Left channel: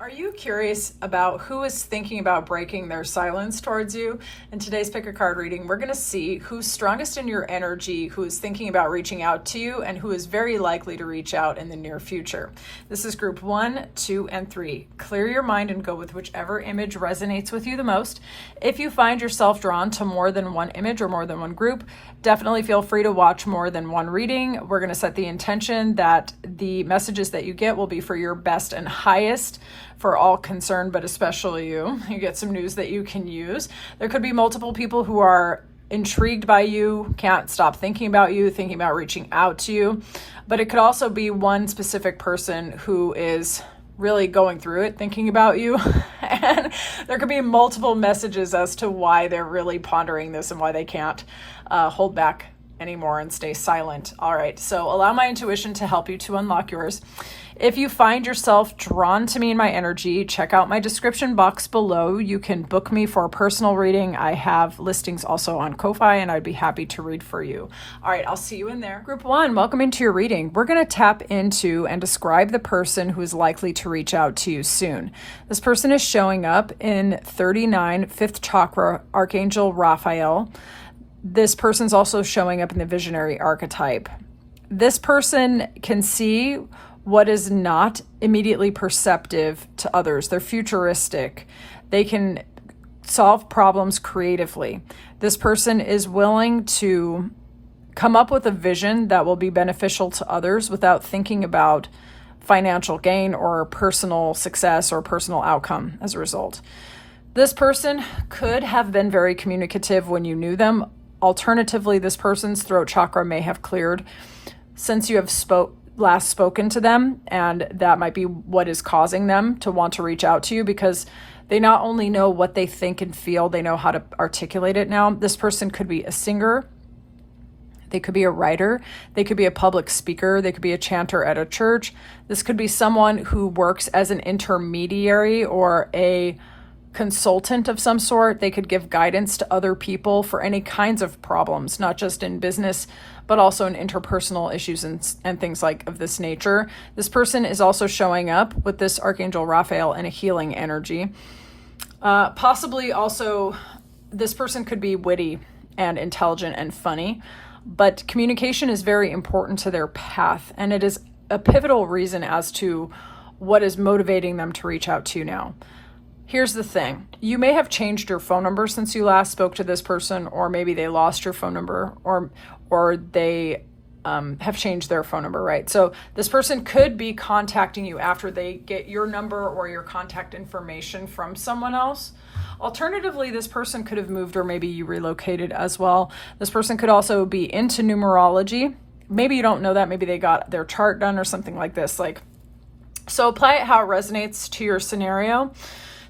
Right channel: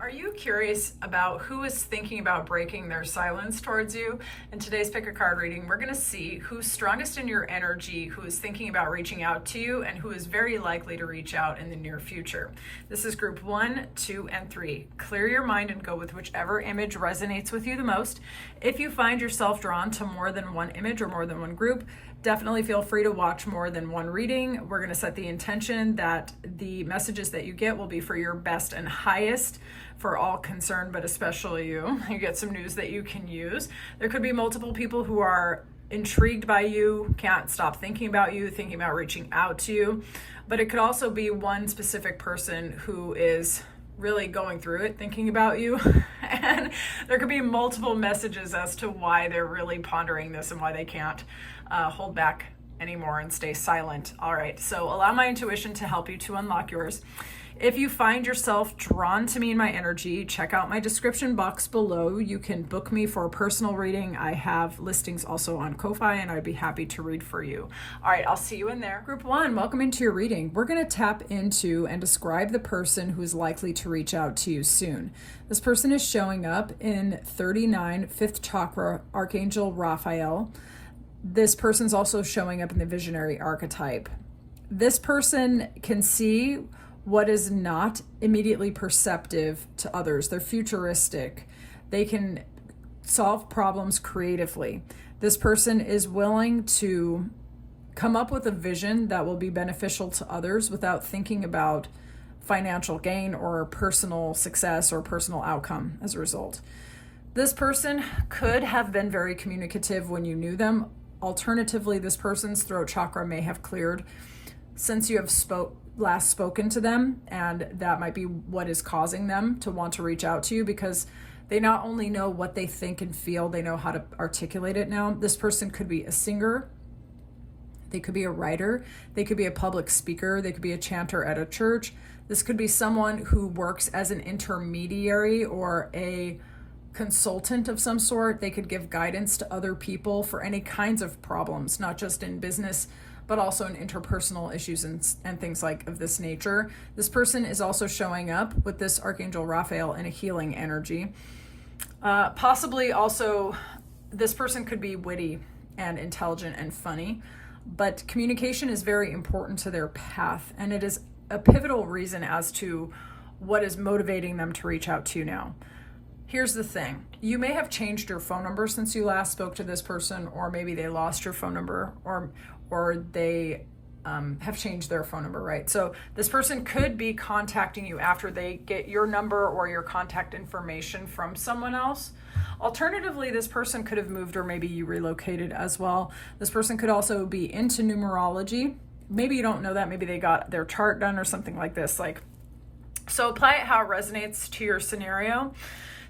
Are you curious about who is thinking about breaking their silence towards you? In today's Pick a Card reading, we're going to see who's strongest in your energy, who is thinking about reaching out to you, and who is very likely to reach out in the near future. This is group 1, 2, and 3. Clear your mind and go with whichever image resonates with you the most. If you find yourself drawn to more than one image or more than one group, definitely feel free to watch more than one reading. We're going to set the intention that the messages that you get will be for your best and highest for all concerned, but especially you. You get some news that you can use. There could be multiple people who are intrigued by you, can't stop thinking about you, thinking about reaching out to you. But it could also be one specific person who is really going through it, thinking about you. And there could be multiple messages as to why they're really pondering this and why they can't hold back anymore and stay silent. All right, so allow my intuition to help you to unlock yours. If you find yourself drawn to me in my energy, check out my description box below. You can book me for a personal reading. I have listings also on Ko-Fi, and I'd be happy to read for you. All right, I'll see you in there. Group 1, welcome into your reading. We're going to tap into and describe the person who is likely to reach out to you soon. This person is showing up in 39, 5th chakra, Archangel Raphael. This person's also showing up in the visionary archetype. This person can see what is not immediately perceptive to others. They're futuristic. They can solve problems creatively. This person is willing to come up with a vision that will be beneficial to others without thinking about financial gain or personal success or personal outcome as a result. This person could have been very communicative when you knew them. Alternatively, this person's throat chakra may have cleared since you have last spoken to them, and that might be what is causing them to want to reach out to you, because they not only know what they think and feel, they know how to articulate it now. This person could be a singer, they could be a writer, they could be a public speaker, they could be a chanter at a church. This could be someone who works as an intermediary or a consultant of some sort. They could give guidance to other people for any kinds of problems, not just in business, but also in interpersonal issues and things like of this nature. This person is also showing up with this Archangel Raphael in a healing energy. Possibly also, this person could be witty and intelligent and funny, but communication is very important to their path, and it is a pivotal reason as to what is motivating them to reach out to you now. Here's the thing. You may have changed your phone number since you last spoke to this person, or maybe they lost your phone number, or they have changed their phone number, right? So this person could be contacting you after they get your number or your contact information from someone else. Alternatively, this person could have moved, or maybe you relocated as well. This person could also be into numerology. Maybe you don't know that. Maybe they got their chart done or something like this. So apply it how it resonates to your scenario.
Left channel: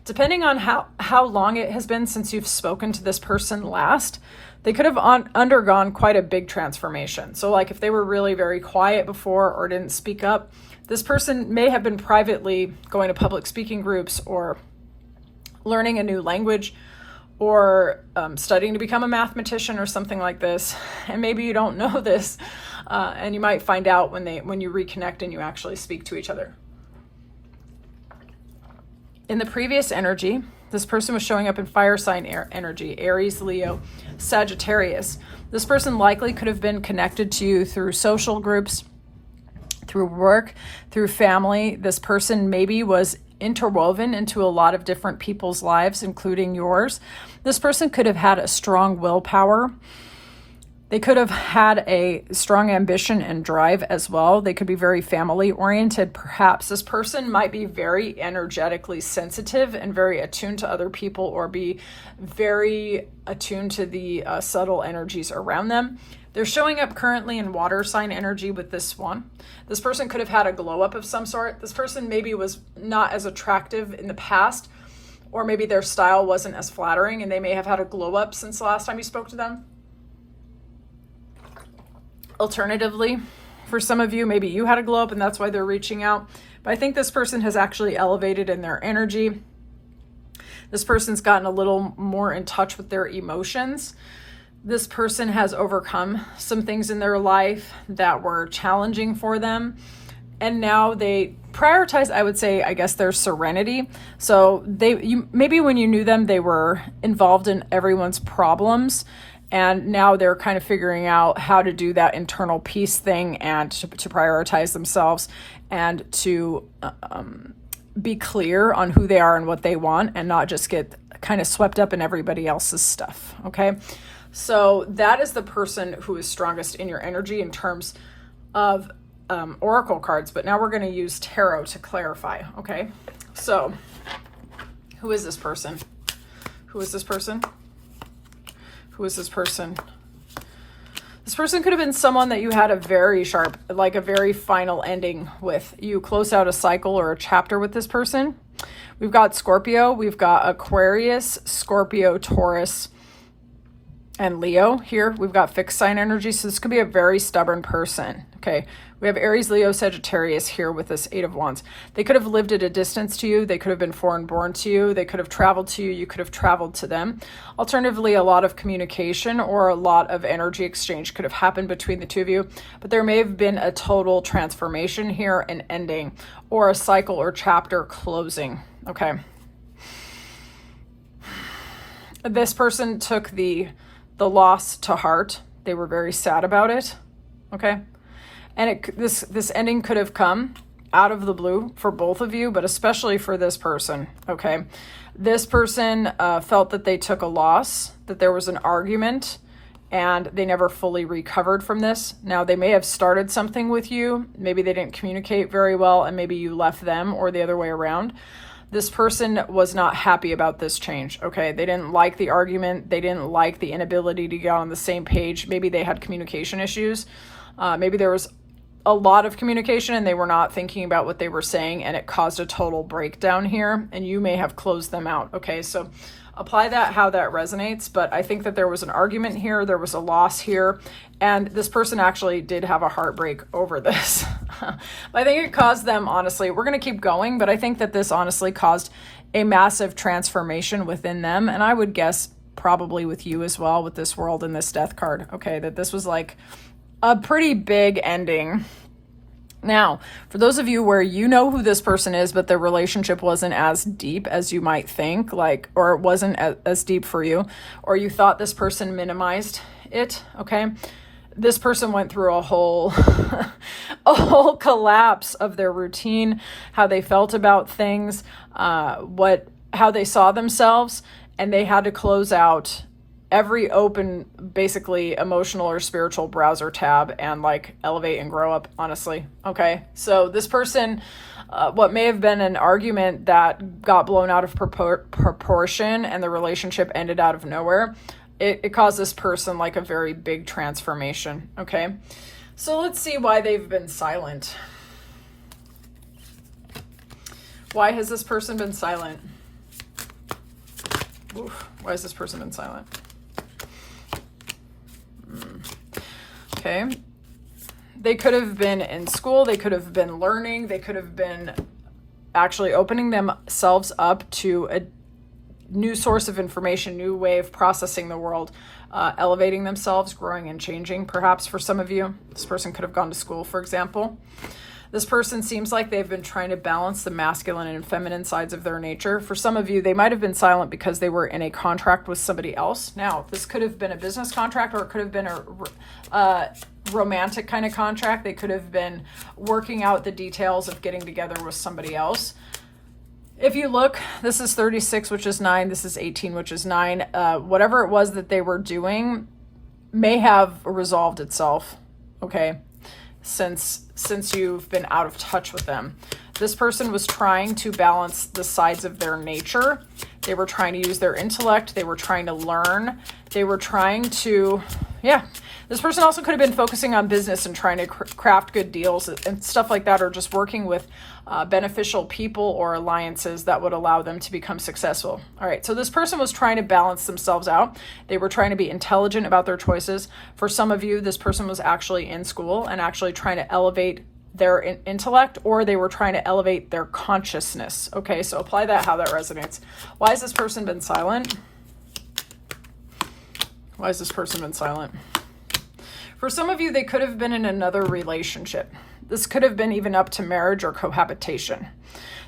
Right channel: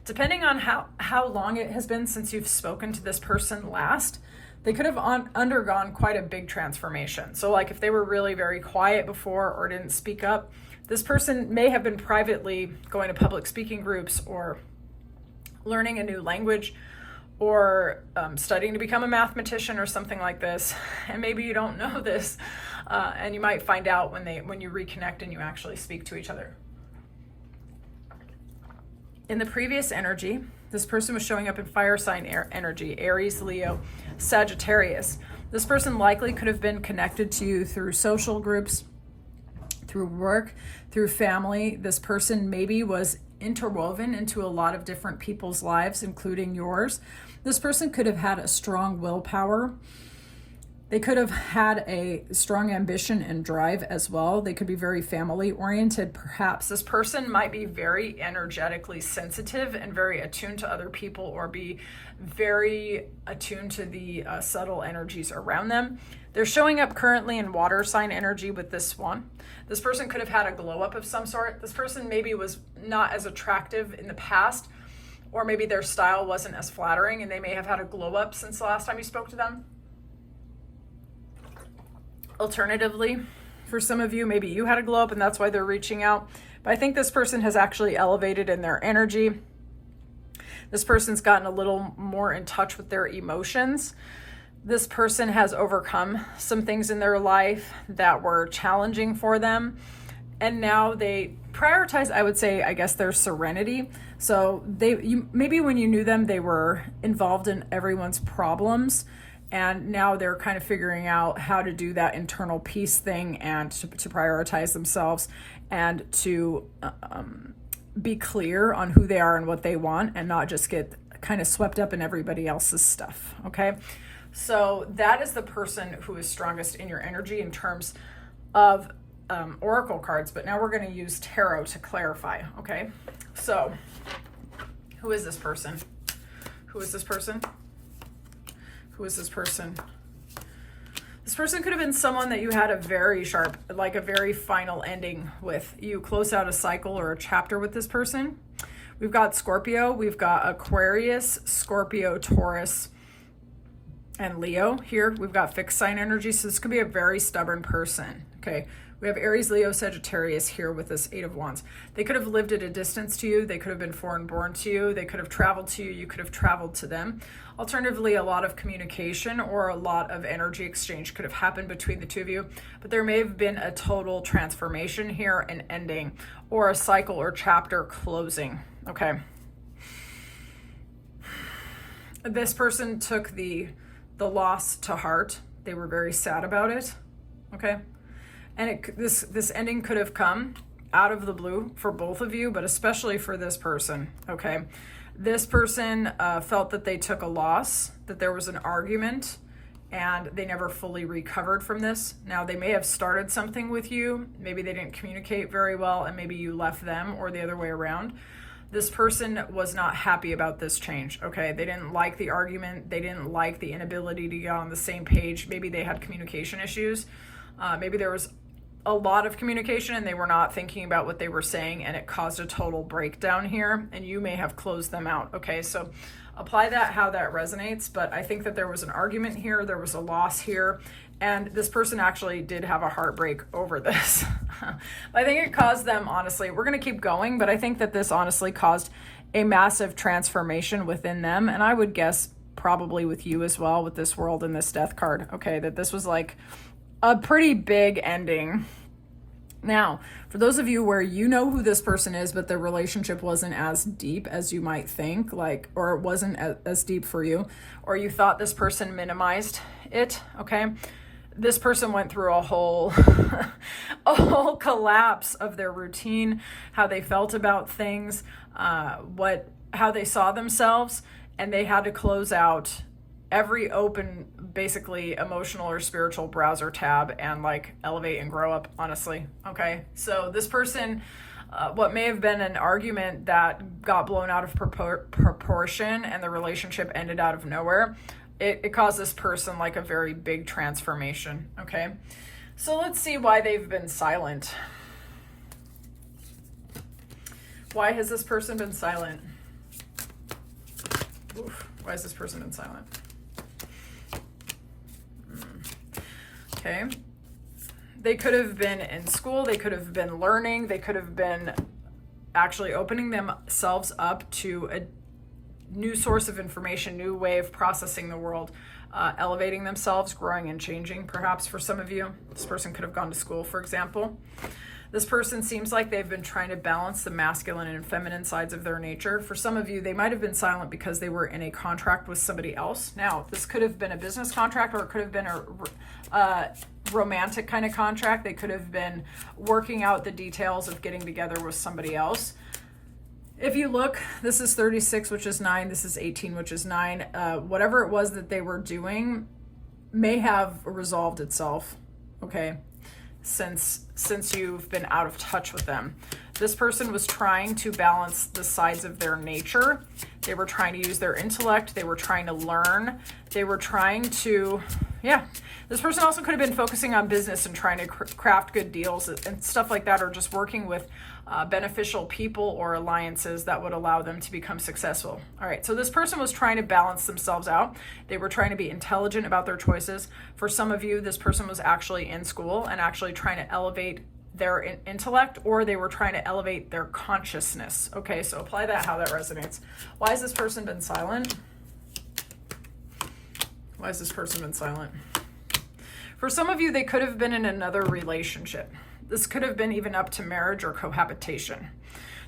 Depending on how long it has been since you've spoken to this person last, they could have undergone quite a big transformation. So if they were really very quiet before or didn't speak up, this person may have been privately going to public speaking groups or learning a new language or studying to become a mathematician or something like this. And maybe you don't know this, and you might find out when you reconnect and you actually speak to each other. In the previous energy, this person was showing up in fire sign energy, Aries, Leo, Sagittarius. This person likely could have been connected to you through social groups, through work, through family. This person maybe was interwoven into a lot of different people's lives, including yours. This person could have had a strong willpower. They could have had a strong ambition and drive as well. They could be very family oriented. Perhaps this person might be very energetically sensitive and very attuned to other people, or be very attuned to the subtle energies around them. They're showing up currently in water sign energy with this one. This person could have had a glow up of some sort. This person maybe was not as attractive in the past, or maybe their style wasn't as flattering, and they may have had a glow up since the last time you spoke to them. Alternatively, for some of you, maybe you had a glow up and that's why they're reaching out. But I think this person has actually elevated in their energy. This person's gotten a little more in touch with their emotions. This person has overcome some things in their life that were challenging for them. and now they prioritize, I would say, I guess, their serenity. So maybe when you knew them, they were involved in everyone's problems, and now they're kind of figuring out how to do that internal peace thing and to prioritize themselves and to be clear on who they are and what they want, and not just get kind of swept up in everybody else's stuff. Okay. So that is the person who is strongest in your energy in terms of oracle cards. But now we're going to use tarot to clarify. Okay. So who is this person? Who is this person? Who is this person? This person could have been someone that you had a very sharp, like a very final ending with. You closed out a cycle or a chapter with this person. We've got Scorpio, we've got Aquarius, Scorpio, Taurus, and Leo here. We've got fixed sign energy, so this could be a very stubborn person. Okay, we have Aries, Leo, Sagittarius here with this Eight of Wands. They could have lived at a distance to you. They could have been foreign born to you. They could have traveled to you. You could have traveled to them. Alternatively, a lot of communication or a lot of energy exchange could have happened between the two of you, but there may have been a total transformation here, an ending, or a cycle or chapter closing. Okay. This person took the loss to heart. They were very sad about it. Okay. And this ending could have come out of the blue for both of you, but especially for this person. Okay. This person felt that they took a loss, that there was an argument, and they never fully recovered from this. Now, they may have started something with you. Maybe they didn't communicate very well, and maybe you left them, or the other way around. This person was not happy about this change, okay? They didn't like the argument. They didn't like the inability to get on the same page. Maybe they had communication issues. Maybe there was a lot of communication and they were not thinking about what they were saying, and it caused a total breakdown here, and you may have closed them out, okay? So apply that how that resonates, but I think that there was an argument here, there was a loss here, and this person actually did have a heartbreak over this. I think it caused them, honestly, we're going to keep going, but I think that this honestly caused a massive transformation within them, and I would guess probably with you as well, with this World and this Death card, okay, that this was like a pretty big ending. Now, for those of you where you know who this person is, but the relationship wasn't as deep as you might think, like, or it wasn't as deep for you, or you thought this person minimized it, okay? This person went through a whole collapse of their routine, how they felt about things, how they saw themselves, and they had to close out every open, basically emotional or spiritual browser tab and like elevate and grow up, honestly. Okay. So this person, what may have been an argument that got blown out of proportion and the relationship ended out of nowhere, it caused this person like a very big transformation. Okay. So let's see why they've been silent. Why has this person been silent? Oof, why has this person been silent? Okay. They could have been in school. They could have been learning. They could have been actually opening themselves up to a new source of information, new way of processing the world, elevating themselves, growing and changing. Perhaps for some of you, this person could have gone to school, for example. This person seems like they've been trying to balance the masculine and feminine sides of their nature. For some of you, they might have been silent because they were in a contract with somebody else. Now, this could have been a business contract, or it could have been a romantic kind of contract. They could have been working out the details of getting together with somebody else. If you look, this is 36, which is 9. This is 18, which is 9. Whatever it was that they were doing may have resolved itself, okay, since you've been out of touch with them. This person was trying to balance the sides of their nature. They were trying to use their intellect. They were trying to learn. They were trying to, This person also could have been focusing on business and trying to craft good deals and stuff like that, or just working with beneficial people or alliances that would allow them to become successful. All right, so this person was trying to balance themselves out. They were trying to be intelligent about their choices. For some of you, this person was actually in school and actually trying to elevate their intellect, or they were trying to elevate their consciousness. Okay, so apply that how that resonates. Why has this person been silent? Why has this person been silent? For some of you, they could have been in another relationship. This could have been even up to marriage or cohabitation.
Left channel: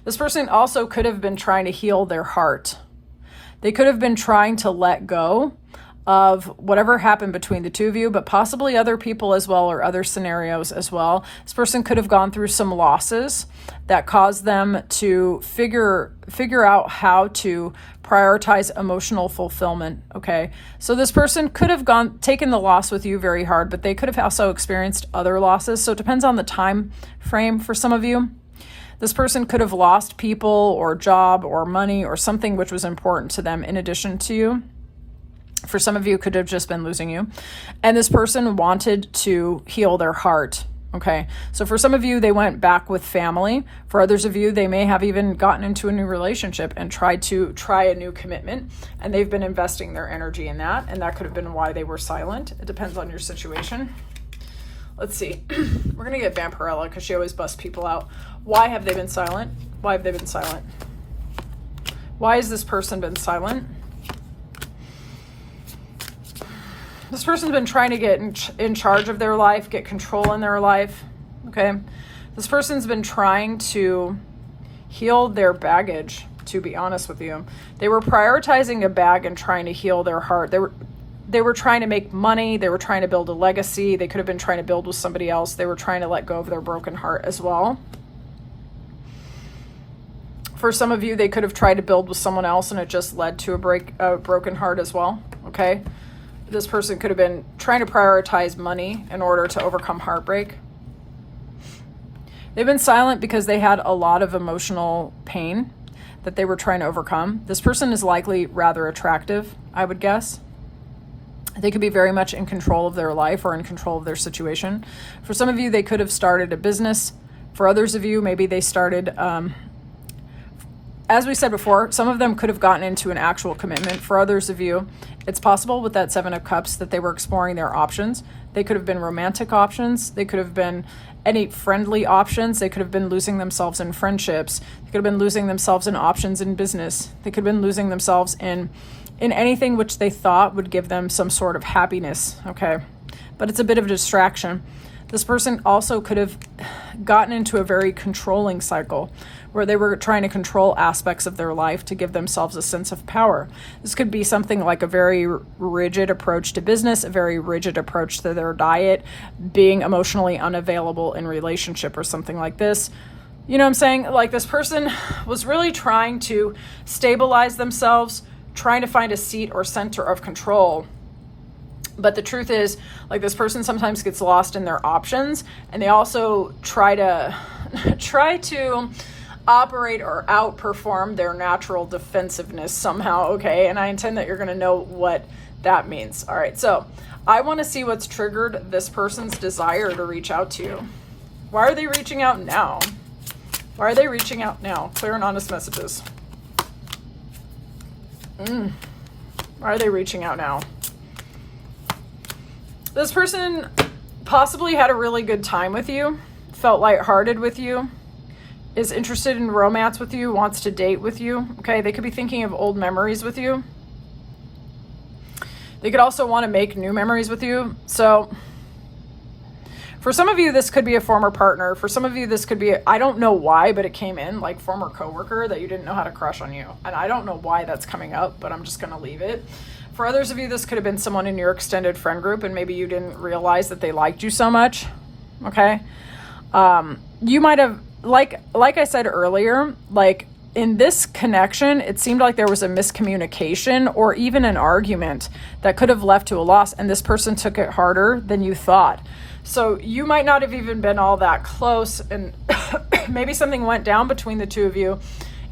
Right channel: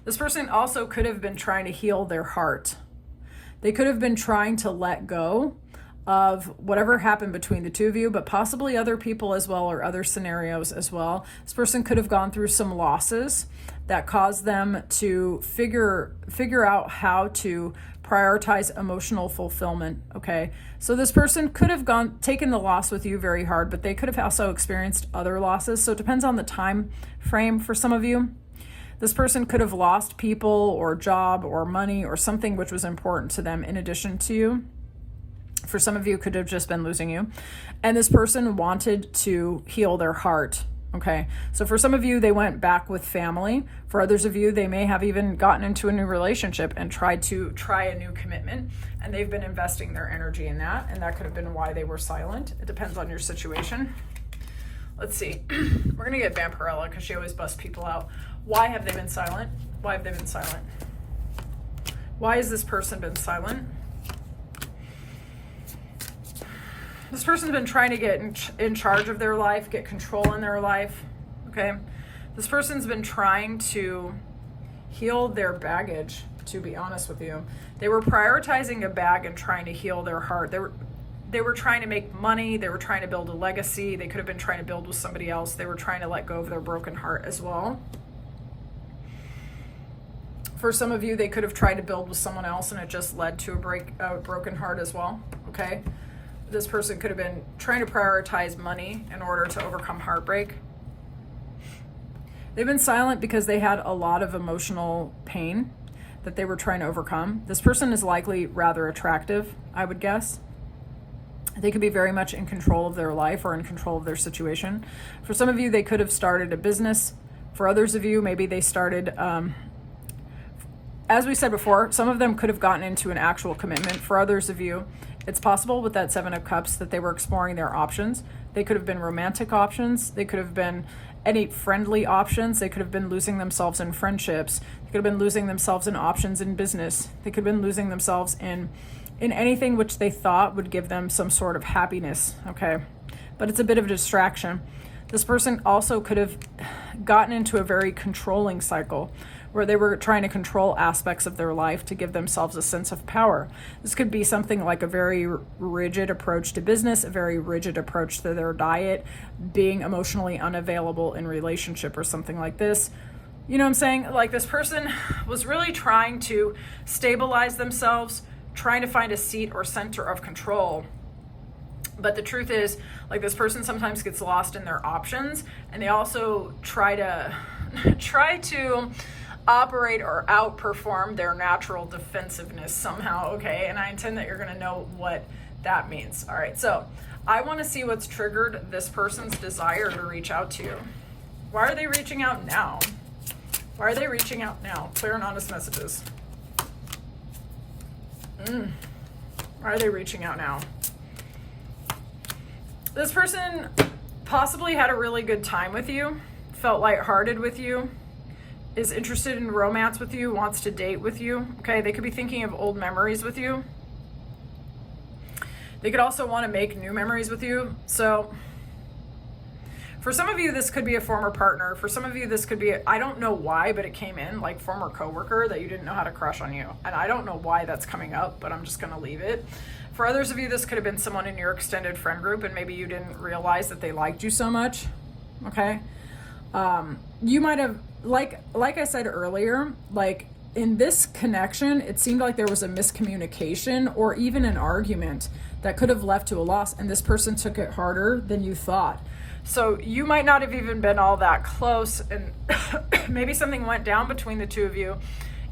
This person also could have been trying to heal their heart. They could have been trying to let go of whatever happened between the two of you, but possibly other people as well, or other scenarios as well. This person could have gone through some losses that caused them to figure out how to prioritize emotional fulfillment. Okay, so this person could have taken the loss with you very hard, but they could have also experienced other losses. So it depends on the time frame for some of you. This person could have lost people or job or money or something which was important to them in addition to you. For some of you, it could have just been losing you. And this person wanted to heal their heart. Okay, so for some of you, they went back with family. For others of you, they may have even gotten into a new relationship and tried to try a new commitment. And they've been investing their energy in that. And that could have been why they were silent. It depends on your situation. Let's see. We're going to get Vampirella because she always busts people out. Why have they been silent? Why have they been silent? Why has this person been silent? This person's been trying to get in charge of their life, get control in their life, okay? This person's been trying to heal their baggage, to be honest with you. They were prioritizing a bag and trying to heal their heart. They were trying to make money. They were trying to build a legacy. They could have been trying to build with somebody else. They were trying to let go of their broken heart as well. For some of you, they could have tried to build with someone else and it just led to a broken heart as well, okay? This person could have been trying to prioritize money in order to overcome heartbreak. They've been silent because they had a lot of emotional pain that they were trying to overcome. This person is likely rather attractive, I would guess. They could be very much in control of their life or in control of their situation. For some of you, they could have started a business. For others of you, maybe they started, as we said before, some of them could have gotten into an actual commitment. For others of you, it's possible with that Seven of Cups that they were exploring their options. They could have been romantic options. They could have been any friendly options. They could have been losing themselves in friendships. They could have been losing themselves in options in business. They could have been losing themselves in anything which they thought would give them some sort of happiness, okay? But it's a bit of a distraction. This person also could have gotten into a very controlling cycle where they were trying to control aspects of their life to give themselves a sense of power. This could be something like a very rigid approach to business, a very rigid approach to their diet, being emotionally unavailable in relationship or something like this. You know what I'm saying? Like this person was really trying to stabilize themselves, trying to find a seat or center of control. But the truth is, like this person sometimes gets lost in their options, and they also try to operate or outperform their natural defensiveness somehow, okay? And I intend that you're going to know what that means. All right, so I want to see what's triggered this person's desire to reach out to you. Why are they reaching out now? Why are they reaching out now? Clear and honest messages. Why are they reaching out now? This person possibly had a really good time with you, felt lighthearted with you, is interested in romance with you, wants to date with you, okay? They could be thinking of old memories with you. They could also want to make new memories with you. So for some of you, this could be a former partner. For some of you, this could be, I don't know why, but it came in like former coworker that you didn't know how to crush on you. And I don't know why that's coming up, but I'm just going to leave it. For others of you, this could have been someone in your extended friend group and maybe you didn't realize that they liked you so much, okay? You might have, like I said earlier, like in this connection, it seemed like there was a miscommunication or even an argument that could have left to a loss, and this person took it harder than you thought. So you might not have even been all that close, and maybe something went down between the two of you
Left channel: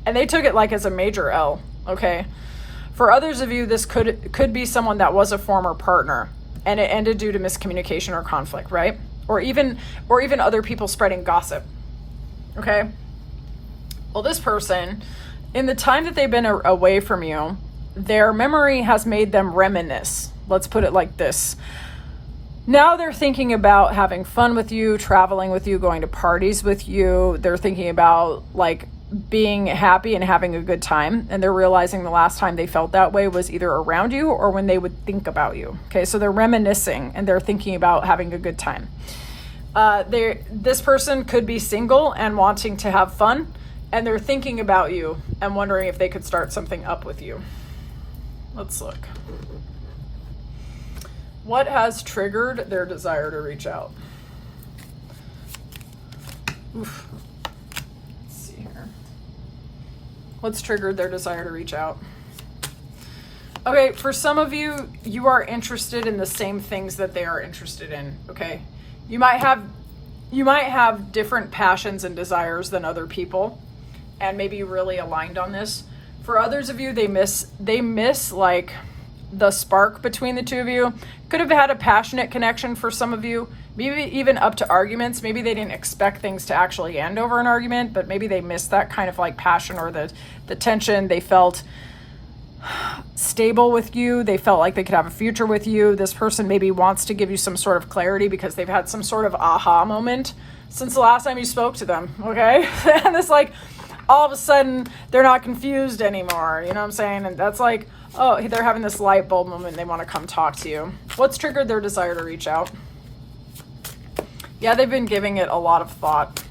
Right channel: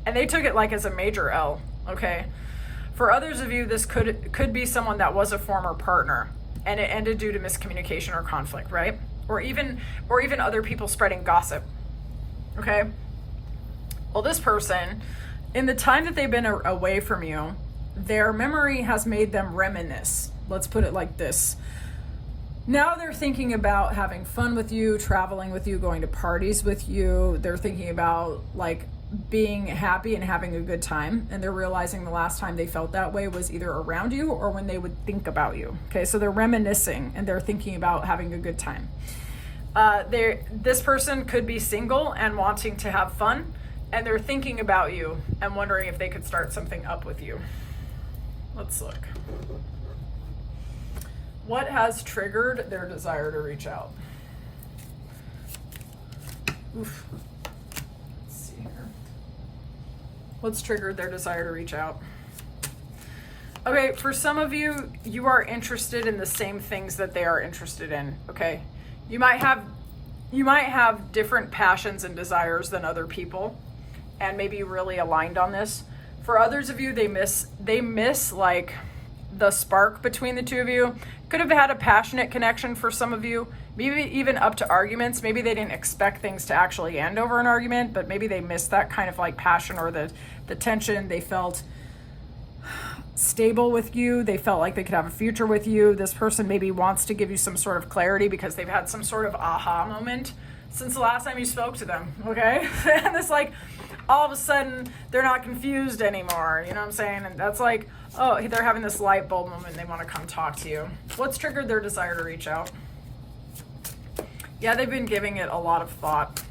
and they took it like as a major L, okay? For others of you, this could be someone that was a former partner and it ended due to miscommunication or conflict, right? Or even other people spreading gossip, okay? Well, this person, in the time that they've been away from you, their memory has made them reminisce. Let's put it like this. Now they're thinking about having fun with you, traveling with you, going to parties with you. They're thinking about like being happy and having a good time. And they're realizing the last time they felt that way was either around you or when they would think about you. Okay, so they're reminiscing and they're thinking about having a good time. This person could be single and wanting to have fun, and they're thinking about you and wondering if they could start something up with you. Let's look. What has triggered their desire to reach out? Oof. Let's see here. What's triggered their desire to reach out? Okay, for some of you, you are interested in the same things that they are interested in, okay? You might have different passions and desires than other people, and maybe really aligned on this. For others of you, they miss like the spark between the two of you. Could have had a passionate connection for some of you, maybe even up to arguments. Maybe they didn't expect things to actually end over an argument, but maybe they missed that kind of like passion or the tension. They felt stable with you. They felt like they could have a future with you. This person maybe wants to give you some sort of clarity because they've had some sort of aha moment since the last time you spoke to them, okay? And it's like, all of a sudden, they're not confused anymore, you know what I'm saying? And that's like, oh, they're having this light bulb moment and they want to come talk to you. What's triggered their desire to reach out? Yeah, they've been giving it a lot of thought.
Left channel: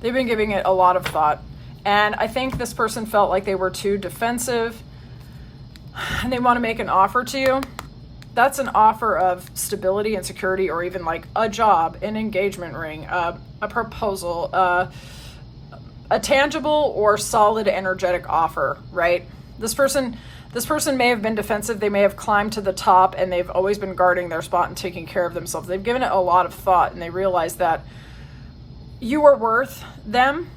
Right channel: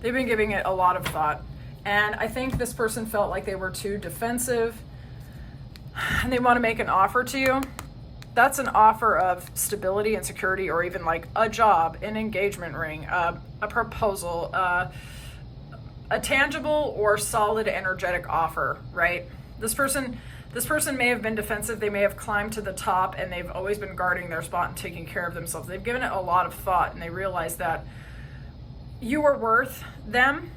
They've been giving it a lot of thought. And I think this person felt like they were too defensive and they want to make an offer to you. That's an offer of stability and security, or even like a job, an engagement ring, a proposal, a tangible or solid energetic offer, right? This person may have been defensive. They may have climbed to the top and they've always been guarding their spot and taking care of themselves. They've given it a lot of thought and they realize that you are worth them,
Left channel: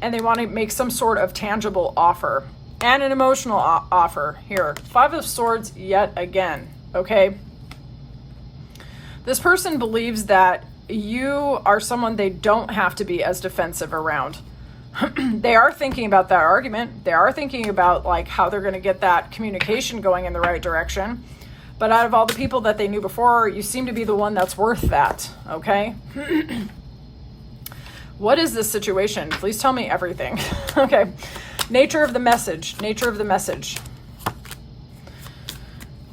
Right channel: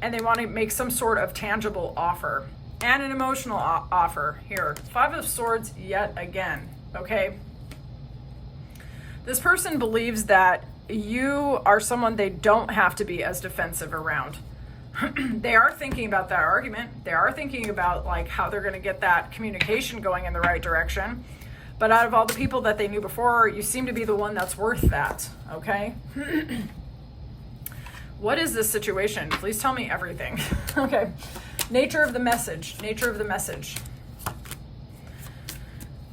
and they want to make some sort of tangible offer and an emotional offer here. 5 of Swords yet again, okay? This person believes that you are someone they don't have to be as defensive around. They are thinking about that argument. They are thinking about like how they're going to get that communication going in the right direction. But out of all the people that they knew before, you seem to be the one that's worth that, okay? What is this situation? Please tell me everything. Okay. Nature of the message. Nature of the message.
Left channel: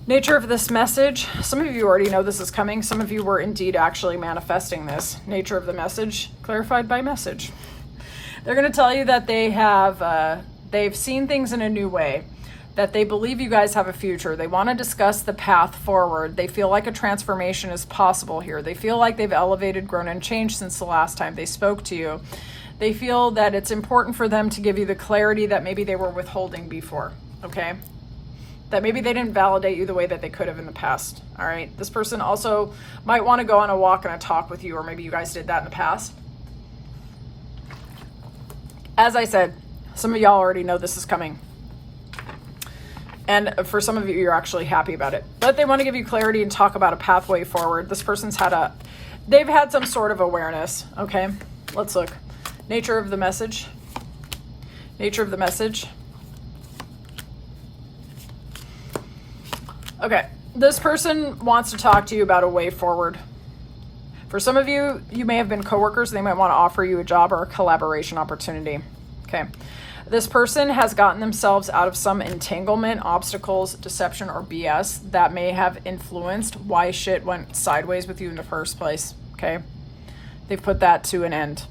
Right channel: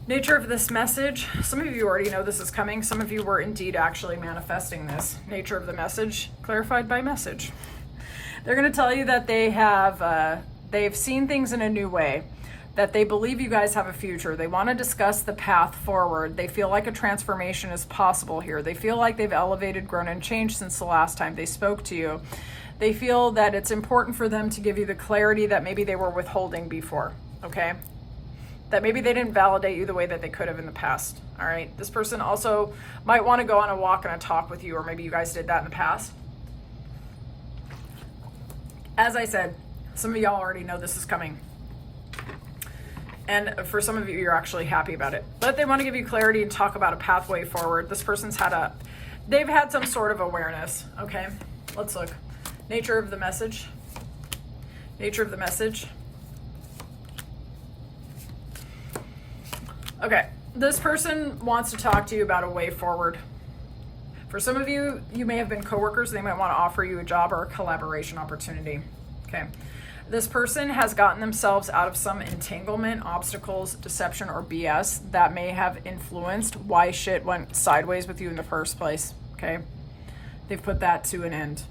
Nature of this message. Some of you already know this is coming. Some of you were indeed actually manifesting this. Nature of the message, clarified by message. They're going to tell you that they've seen things in a new way, that they believe you guys have a future. They want to discuss the path forward. They feel like a transformation is possible here. They feel like they've elevated, grown, and changed since the last time they spoke to you. They feel that it's important for them to give you the clarity that maybe they were withholding before, okay? That maybe they didn't validate you the way that they could have in the past, all right? This person also might want to go on a walk and a talk with you, or maybe you guys did that in the past. As I said, some of y'all already know this is coming. And for some of you, you're actually happy about it. But they want to give you clarity and talk about a pathway forward. This person's they've had some sort of awareness, okay? Let's look. Nature of the message. Nature of the message. Okay, this person wants to talk to you about a way forward. For some of you, you may have been coworkers. They might want to offer you a job or a collaboration opportunity. Okay. This person has gotten themselves out of some entanglement, obstacles, deception, or BS that may have influenced why shit went sideways with you in the first place. Okay. They've put that to an end.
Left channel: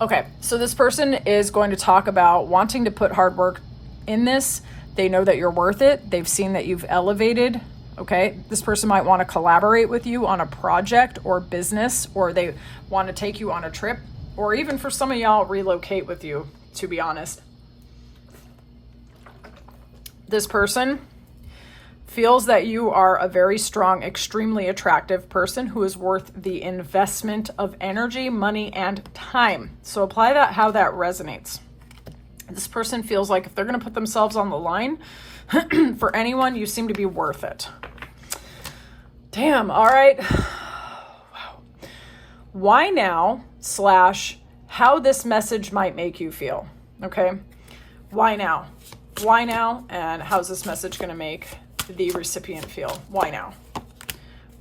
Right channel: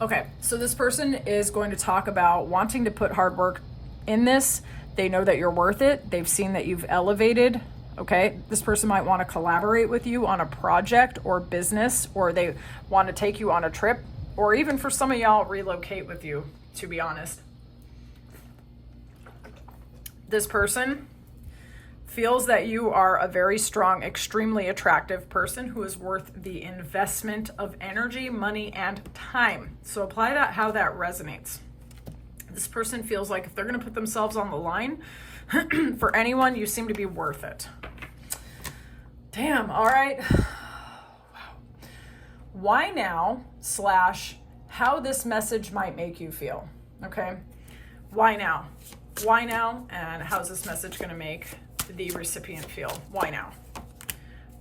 Okay. So this person is going to talk about wanting to put hard work in this. They know that you're worth it. They've seen that you've elevated. Okay, this person might want to collaborate with you on a project or business, or they want to take you on a trip, or even for some of y'all, relocate with you, to be honest. This person feels that you are a very strong, extremely attractive person who is worth the investment of energy, money, and time. So apply that how that resonates. This person feels like if they're going to put themselves on the line for anyone, you seem to be worth it. Damn, all right. Wow. Why now / how this message might make you feel, okay? Why now? Why now, and how's this message going to make the recipient feel? Why now?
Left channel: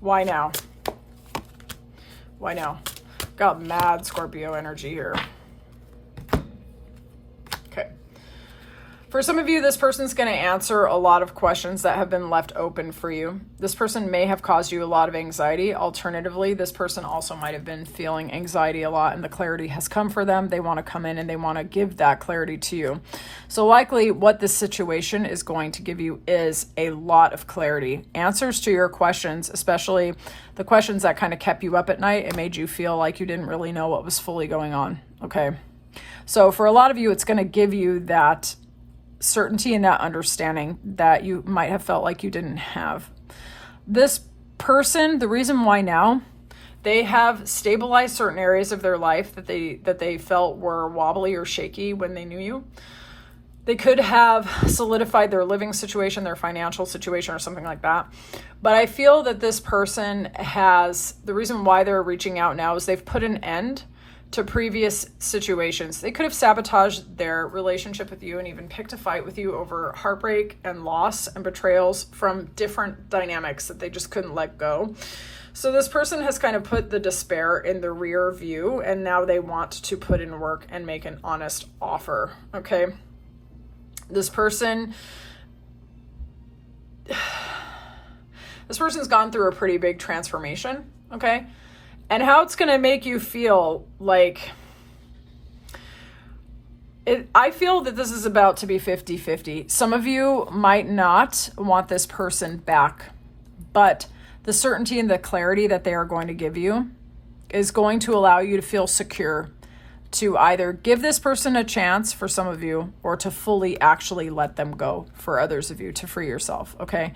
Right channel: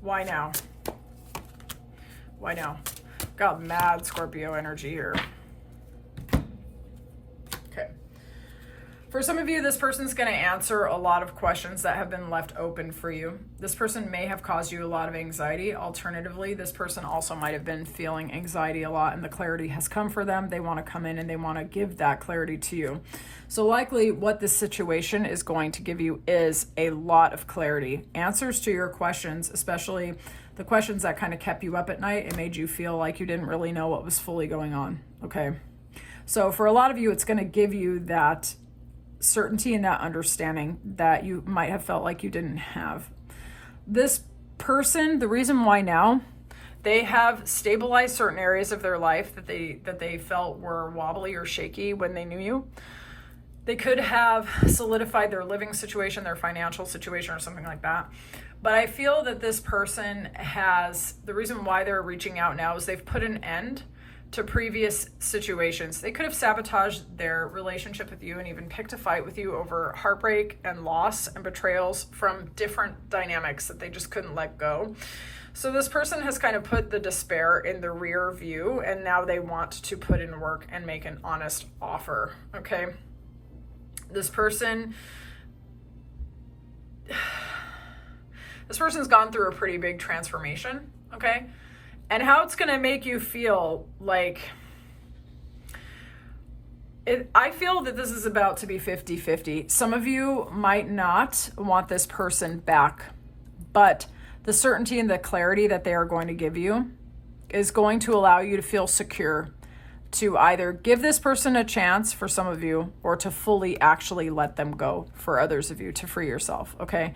Why now? Why now? Got mad Scorpio energy here. Okay. For some of you, this person's going to answer a lot of questions that have been left open for you. This person may have caused you a lot of anxiety. Alternatively, this person also might have been feeling anxiety a lot and the clarity has come for them. They want to come in and they want to give that clarity to you. So likely what this situation is going to give you is a lot of clarity. Answers to your questions, especially the questions that kind of kept you up at night. It made you feel like you didn't really know what was fully going on. Okay. So for a lot of you, it's going to give you that certainty and that understanding that you might have felt like you didn't have. This person, the reason why now, they have stabilized certain areas of their life that they felt were wobbly or shaky when they knew you. They could have solidified their living situation, their financial situation, or something like that. But I feel that this person has, the reason why they're reaching out now is they've put an end to previous situations. They could have sabotaged their relationship with you and even picked a fight with you over heartbreak and loss and betrayals from different dynamics that they just couldn't let go. So this person has kind of put the despair in the rear view, and now they want to put in work and make an honest offer. Okay. This person's gone through a pretty big transformation. Okay. And how it's going to make you feel like I feel that this is about to be 50-50. Some of you might not want this person back, but the certainty and the clarity that they are going to give you is going to allow you to feel secure to either give this person a chance for some of you or to fully actually let them go for others of you to free yourself. Okay.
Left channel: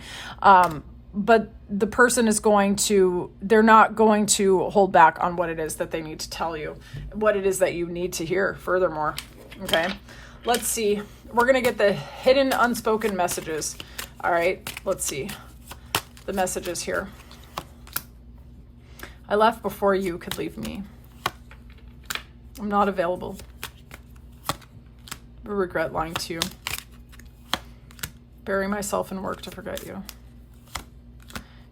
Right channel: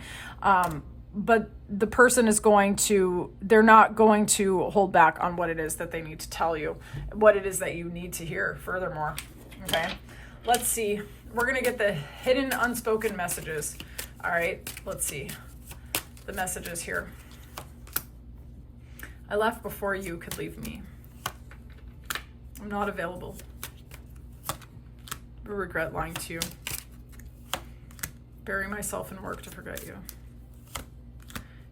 But the person is they're not going to hold back on what it is that they need to tell you, what it is that you need to hear furthermore. Okay, let's see. We're going to get the hidden unspoken messages. All right, let's see the messages here. I left before you could leave me. I'm not available. I regret lying to you. Bury myself in work to forget you.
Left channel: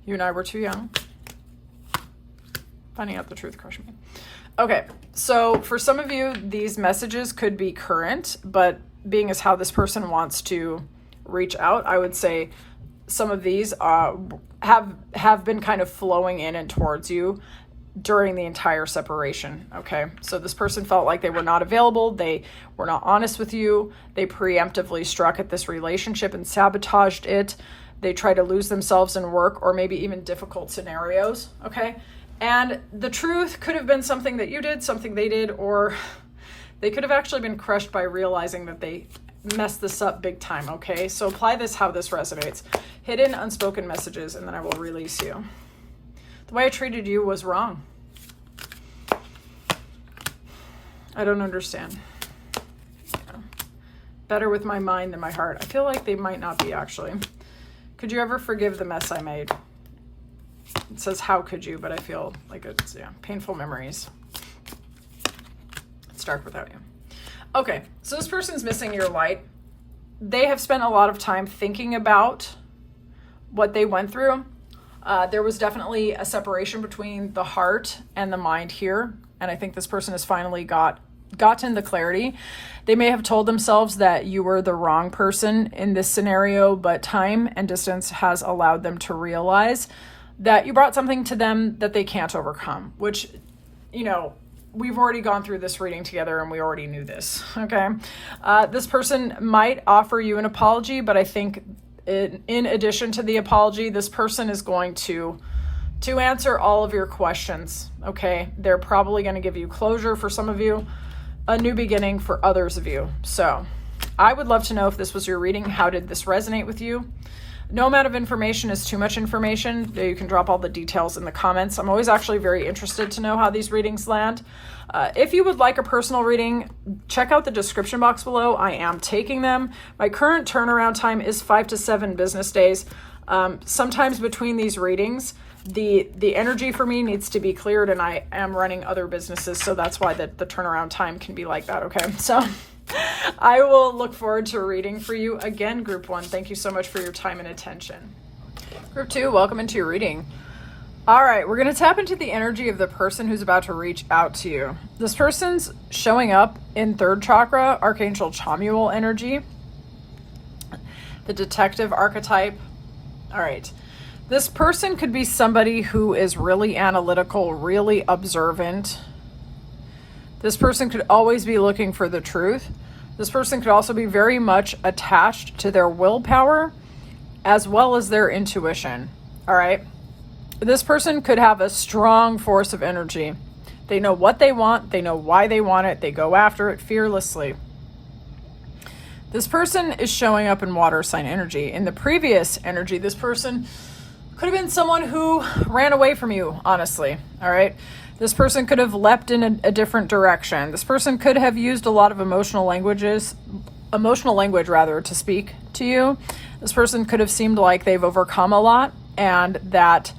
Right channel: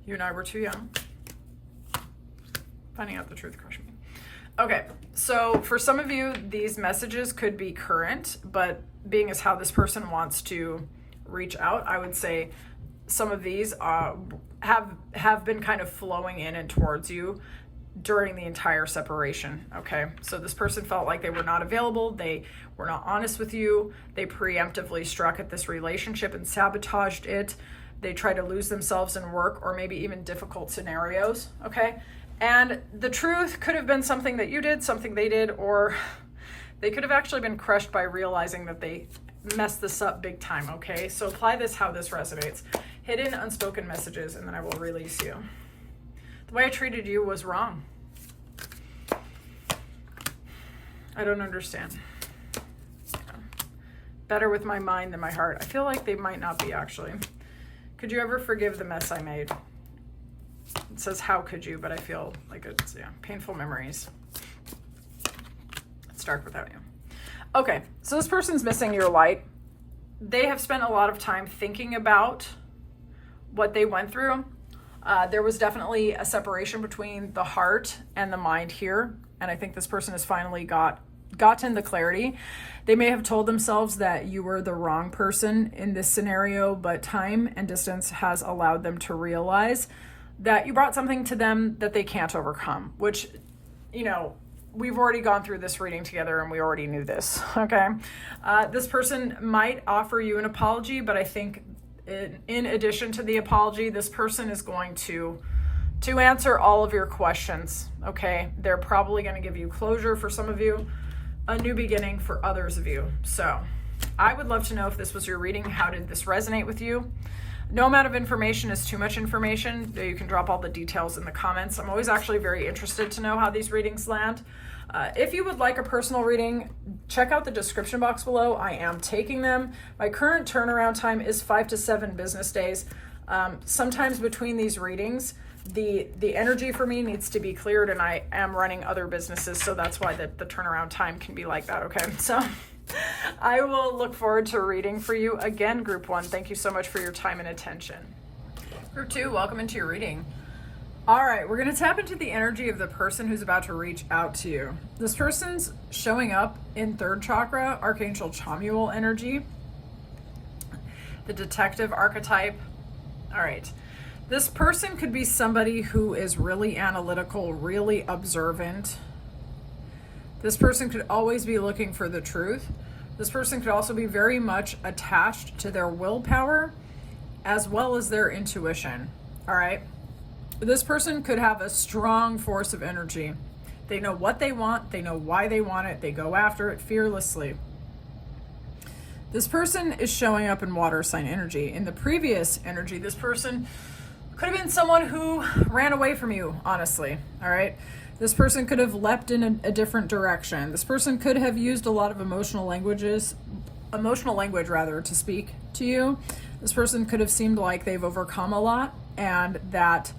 You and I were too young. Finding out the truth crushed me. Okay, so for some of you, these messages could be current, but being as how this person wants to reach out, I would say some of these have been kind of flowing in and towards you during the entire separation. Okay, so this person felt like they were not available. They were not honest with you. They preemptively struck at this relationship and sabotaged it. They try to lose themselves in work or maybe even difficult scenarios, okay? And the truth could have been something that you did, something they did, or they could have actually been crushed by realizing that they messed this up big time, okay? So apply this how this resonates. Hidden unspoken messages, and then I will release you. The way I treated you was wrong. I don't understand. Better with my mind than my heart. I feel like they might not be actually. Could you ever forgive the mess I made? It says, how could you? But I feel like it's, painful memories. It's dark without you. Okay, so this person's missing your light. They have spent a lot of time thinking about what they went through. There was definitely a separation between the heart and the mind here. And I think this person has finally gotten the clarity. They may have told themselves that you were the wrong person in this scenario, but time and distance has allowed them to realize that you brought something to them that they can't overcome, which, we've already gone through this reading together and we already knew this, okay? This person might offer you an apology, but I think in addition to the apology, this person is going to answer all of your questions, okay? They're probably going to give you closure for some of you, a new beginning for others of you. So I would love to know if this was your reading. How did this resonate with you? No amount of information is too much information. You can drop all the details in the comments. I'm always actually very interested to know how these readings land. If you would like a personal reading, check out the description box below. I am taking them. My current turnaround time is 5 to 7 business days. Sometimes between these readings, the energy for me needs to be cleared, and I am running other businesses, so that's why the turnaround time can be like that, okay? So I will look forward to reading for you. Again, Group 1, thank you so much for your time and attention. Group 2, welcome into your reading. All right, we're going to tap into the energy of the person who's about to reach out to you. This person's showing up in 3rd chakra, Archangel Chamuel energy. the detective archetype. All right. This person could be somebody who is really analytical, really observant. This person could always be looking for the truth. This person could also be very much attached to their willpower as well as their intuition. All right. This person could have a strong force of energy. They know what they want. They know why they want it. They go after it fearlessly. This person is showing up in water sign energy. In the previous energy, this person could have been someone who ran away from you, honestly. All right. This person could have leapt in a different direction. This person could have used a lot of emotional language to speak to you. This person could have seemed like they've overcome a lot, and that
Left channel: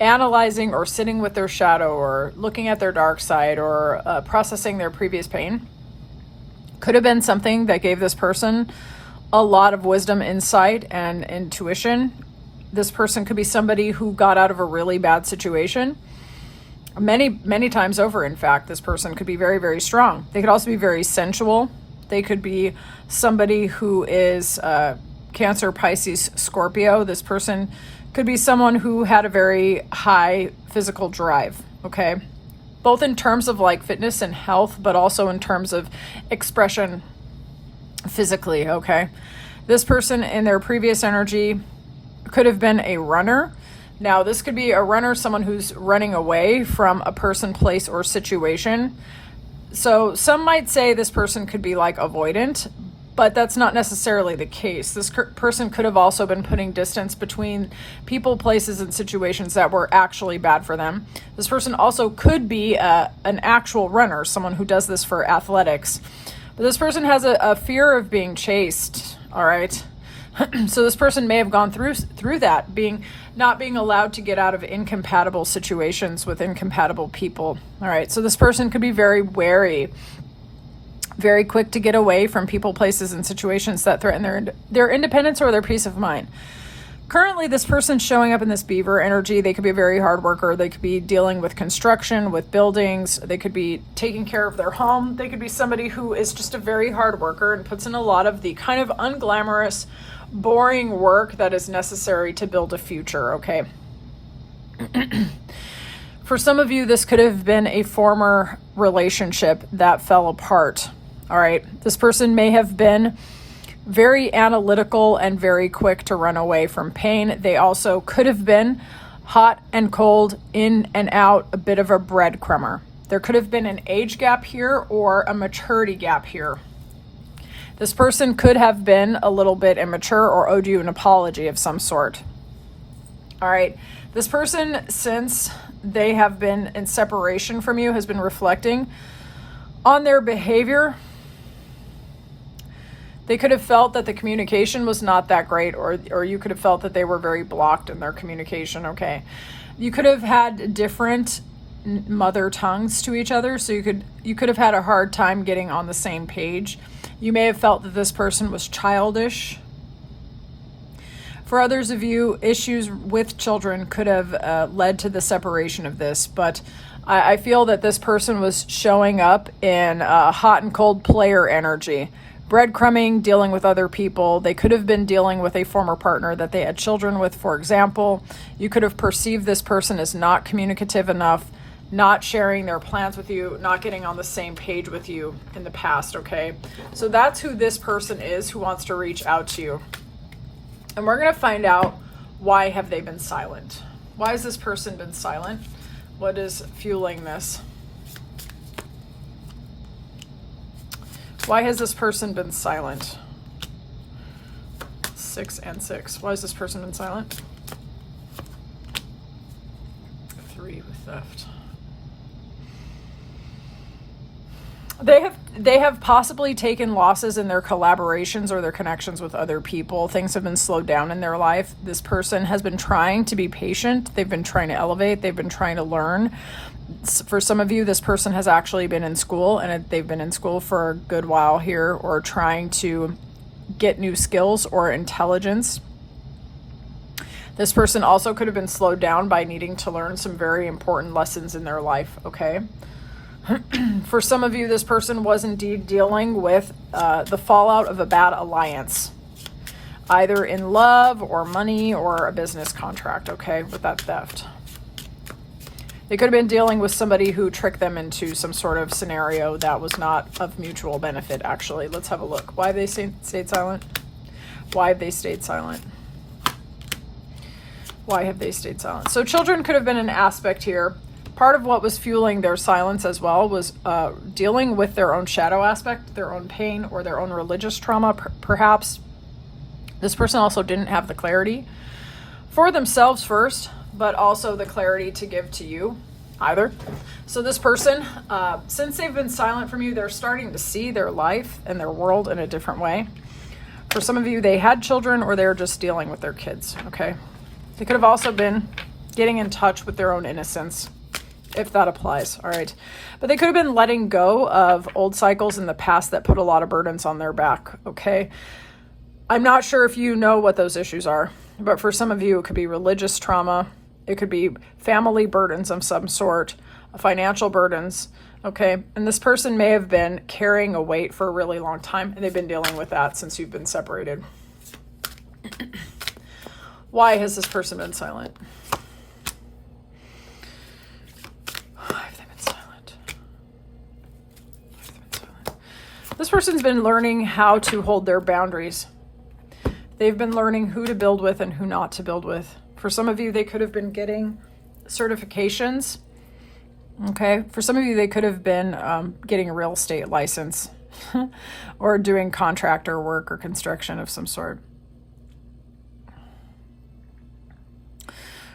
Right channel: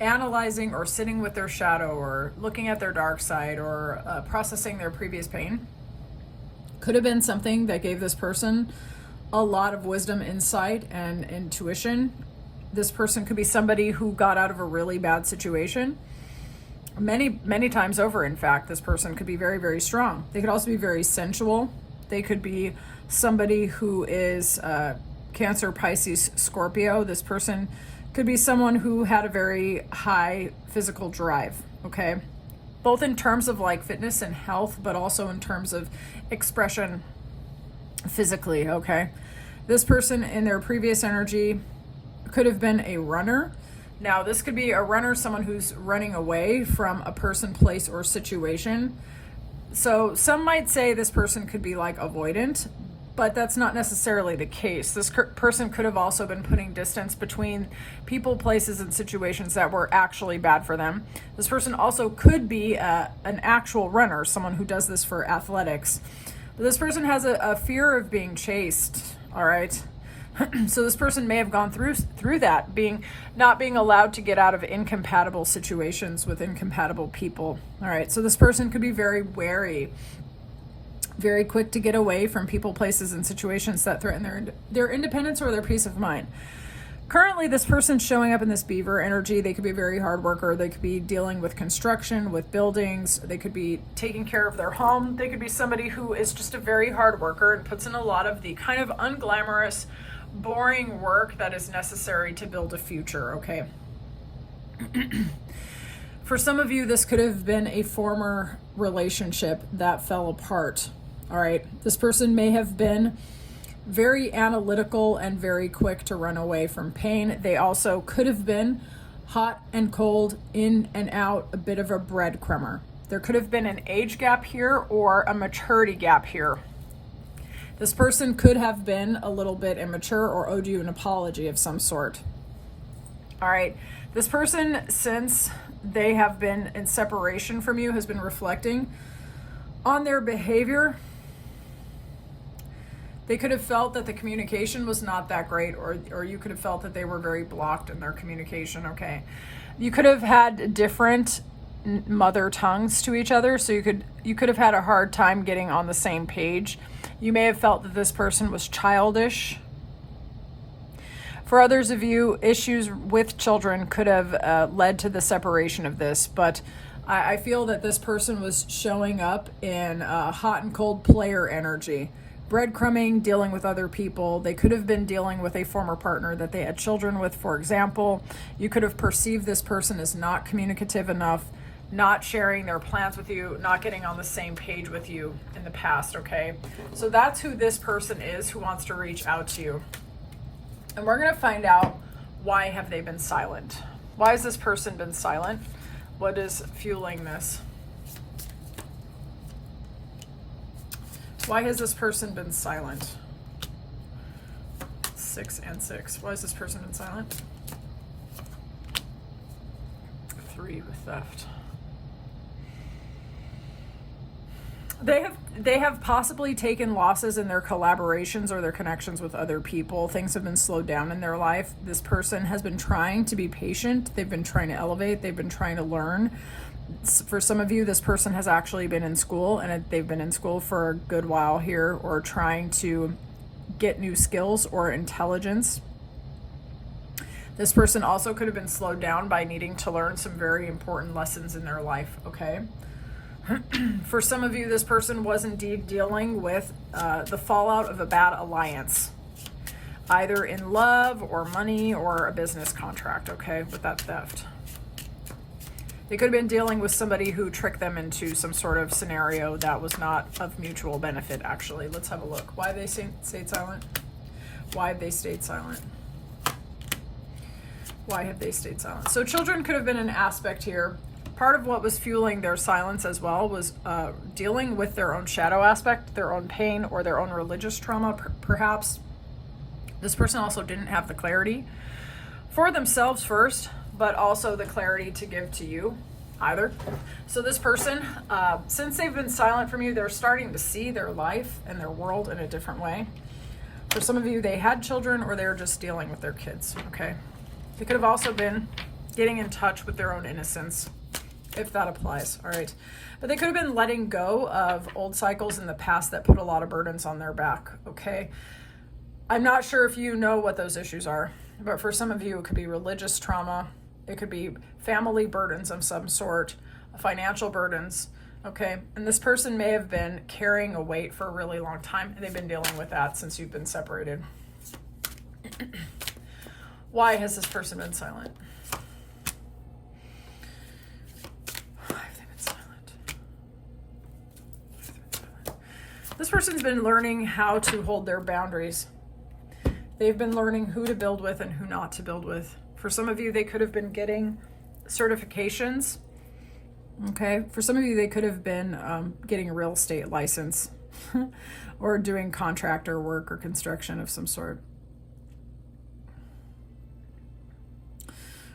analyzing or sitting with their shadow or looking at their dark side or processing their previous pain could have been something that gave this person a lot of wisdom, insight, and intuition. This person could be somebody who got out of a really bad situation. Many times over, in fact, this person could be very, very strong. They could also be very sensual. They could be somebody who is Cancer, Pisces, Scorpio. This person could be someone who had a very high physical drive, okay? Both in terms of like fitness and health, but also in terms of expression physically, okay? This person in their previous energy could have been a runner. Now, this could be a runner, someone who's running away from a person, place, or situation. So some might say this person could be like avoidant, but that's not necessarily the case. This person could have also been putting distance between people, places, and situations that were actually bad for them. This person also could be an actual runner, someone who does this for athletics. But this person has a fear of being chased, all right? So this person may have gone through that, not being allowed to get out of incompatible situations with incompatible people. All right. So this person could be very wary, very quick to get away from people, places, and situations that threaten their independence or their peace of mind. Currently, this person's showing up in this beaver energy. They could be a very hard worker. They could be dealing with construction, with buildings. They could be taking care of their home. They could be somebody who is just a very hard worker and puts in a lot of the kind of unglamorous, boring work that is necessary to build a future, okay? For some of you, this could have been a former relationship that fell apart, all right? This person may have been very analytical and very quick to run away from pain. They also could have been hot and cold, in and out, a bit of a breadcrumber. There could have been an age gap here or a maturity gap here. This person could have been a little bit immature or owed you an apology of some sort. All right. This person, since they have been in separation from you, has been reflecting on their behavior. They could have felt that the communication was not that great, or you could have felt that they were very blocked in their communication, okay? You could have had different mother tongues to each other, so you could have had a hard time getting on the same page. You may have felt that this person was childish. For others of you, issues with children could have led to the separation of this, but I feel that this person was showing up in hot and cold player energy. Breadcrumbing, dealing with other people. They could have been dealing with a former partner that they had children with, for example. You could have perceived this person as not communicative enough, not sharing their plans with you, not getting on the same page with you in the past, okay? So that's who this person is who wants to reach out to you. And we're going to find out, why have they been silent? Why has this person been silent? What is fueling this? Why has this person been silent? 6 and 6. Why has this person been silent? 3 with theft. They have possibly taken losses in their collaborations or their connections with other people. Things have been slowed down in their life. This person has been trying to be patient. They've been trying to elevate. They've been trying to learn. For some of you, this person has actually been in school, and they've been in school for a good while here, or trying to get new skills or intelligence. This person also could have been slowed down by needing to learn some very important lessons in their life, okay? For some of you, this person was indeed dealing with the fallout of a bad alliance, either in love or money or a business contract, okay, with that theft. They could have been dealing with somebody who tricked them into some sort of scenario that was not of mutual benefit, actually. Let's have a look. Why they stayed silent? Why have they stayed silent? Why have they stayed silent? So children could have been an aspect here. Part of what was fueling their silence as well was dealing with their own shadow aspect, their own pain, or their own religious trauma, perhaps. This person also didn't have the clarity for themselves first, but also the clarity to give to you either. So this person, since they've been silent from you, they're starting to see their life and their world in a different way. For some of you, they had children or they're just dealing with their kids, okay? They could have also been getting in touch with their own innocence, if that applies, all right? But they could have been letting go of old cycles in the past that put a lot of burdens on their back, okay? I'm not sure if you know what those issues are, but for some of you, it could be religious trauma. It could be family burdens of some sort, financial burdens, okay? And this person may have been carrying a weight for a really long time, and they've been dealing with that since you've been separated. Why has this person been silent? This person's been learning how to hold their boundaries. They've been learning who to build with and who not to build with. For some of you, they could have been getting certifications. Okay. For some of you, they could have been getting a real estate license or doing contractor work or construction of some sort.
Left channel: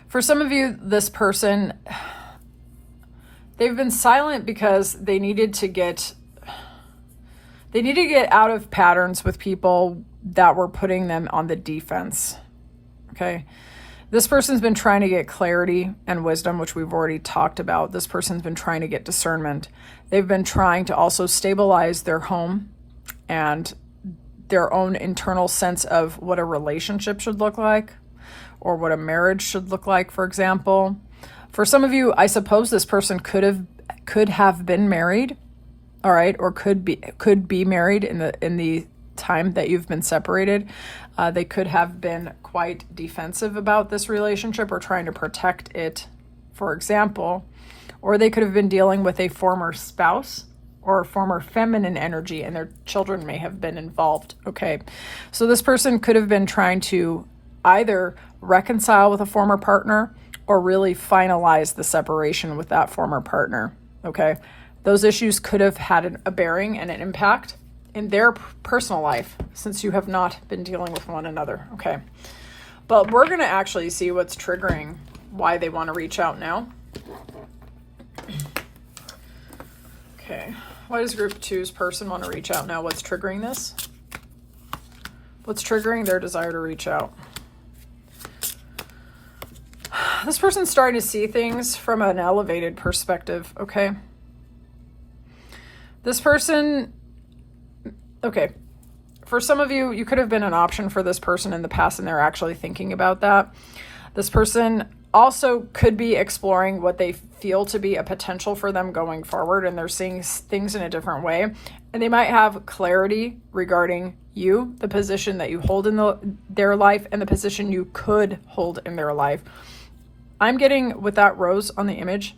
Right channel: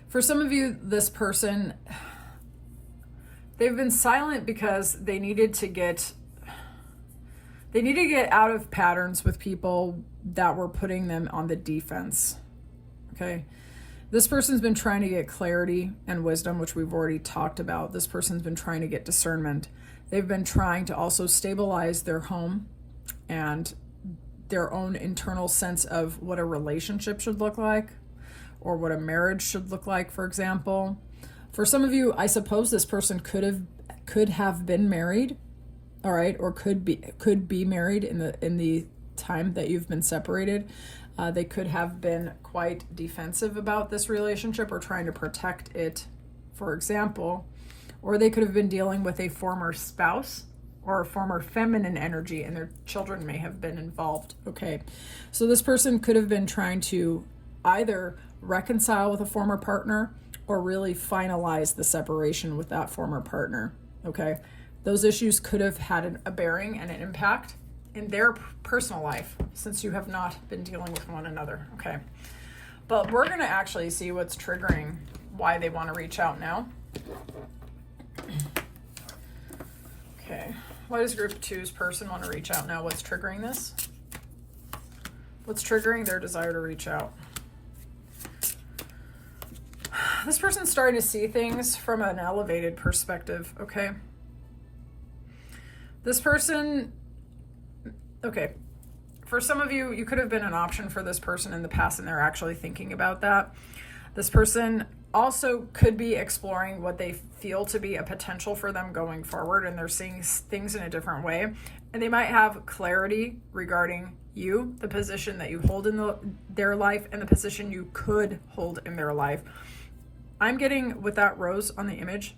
For some of you, this person, they've been silent because they needed to get out of patterns with people that were putting them on the defense, okay? This person's been trying to get clarity and wisdom, which we've already talked about. This person's been trying to get discernment. They've been trying to also stabilize their home and their own internal sense of what a relationship should look like or what a marriage should look like, for example. For some of you, I suppose this person could have been married, all right, or could be married in the time that you've been separated. They could have been quite defensive about this relationship or trying to protect it, for example, or they could have been dealing with a former spouse or a former feminine energy, and their children may have been involved, okay? So this person could have been trying to either reconcile with a former partner or really finalize the separation with that former partner, okay? Those issues could have had a bearing and an impact in their personal life since you have not been dealing with one another, okay? But we're going to actually see what's triggering why they want to reach out now. Okay, why does group 2's person want to reach out now? What's triggering this? What's triggering their desire to reach out? This person's starting to see things from an elevated perspective, okay? This person, okay, for some of you, you could have been an option for this person in the past and they're actually thinking about that. This person also could be exploring what they feel to be a potential for them going forward, and they're seeing things in a different way. And they might have clarity regarding you, the position that you hold in their life, and the position you could hold in their life. I'm getting, with that rose on the image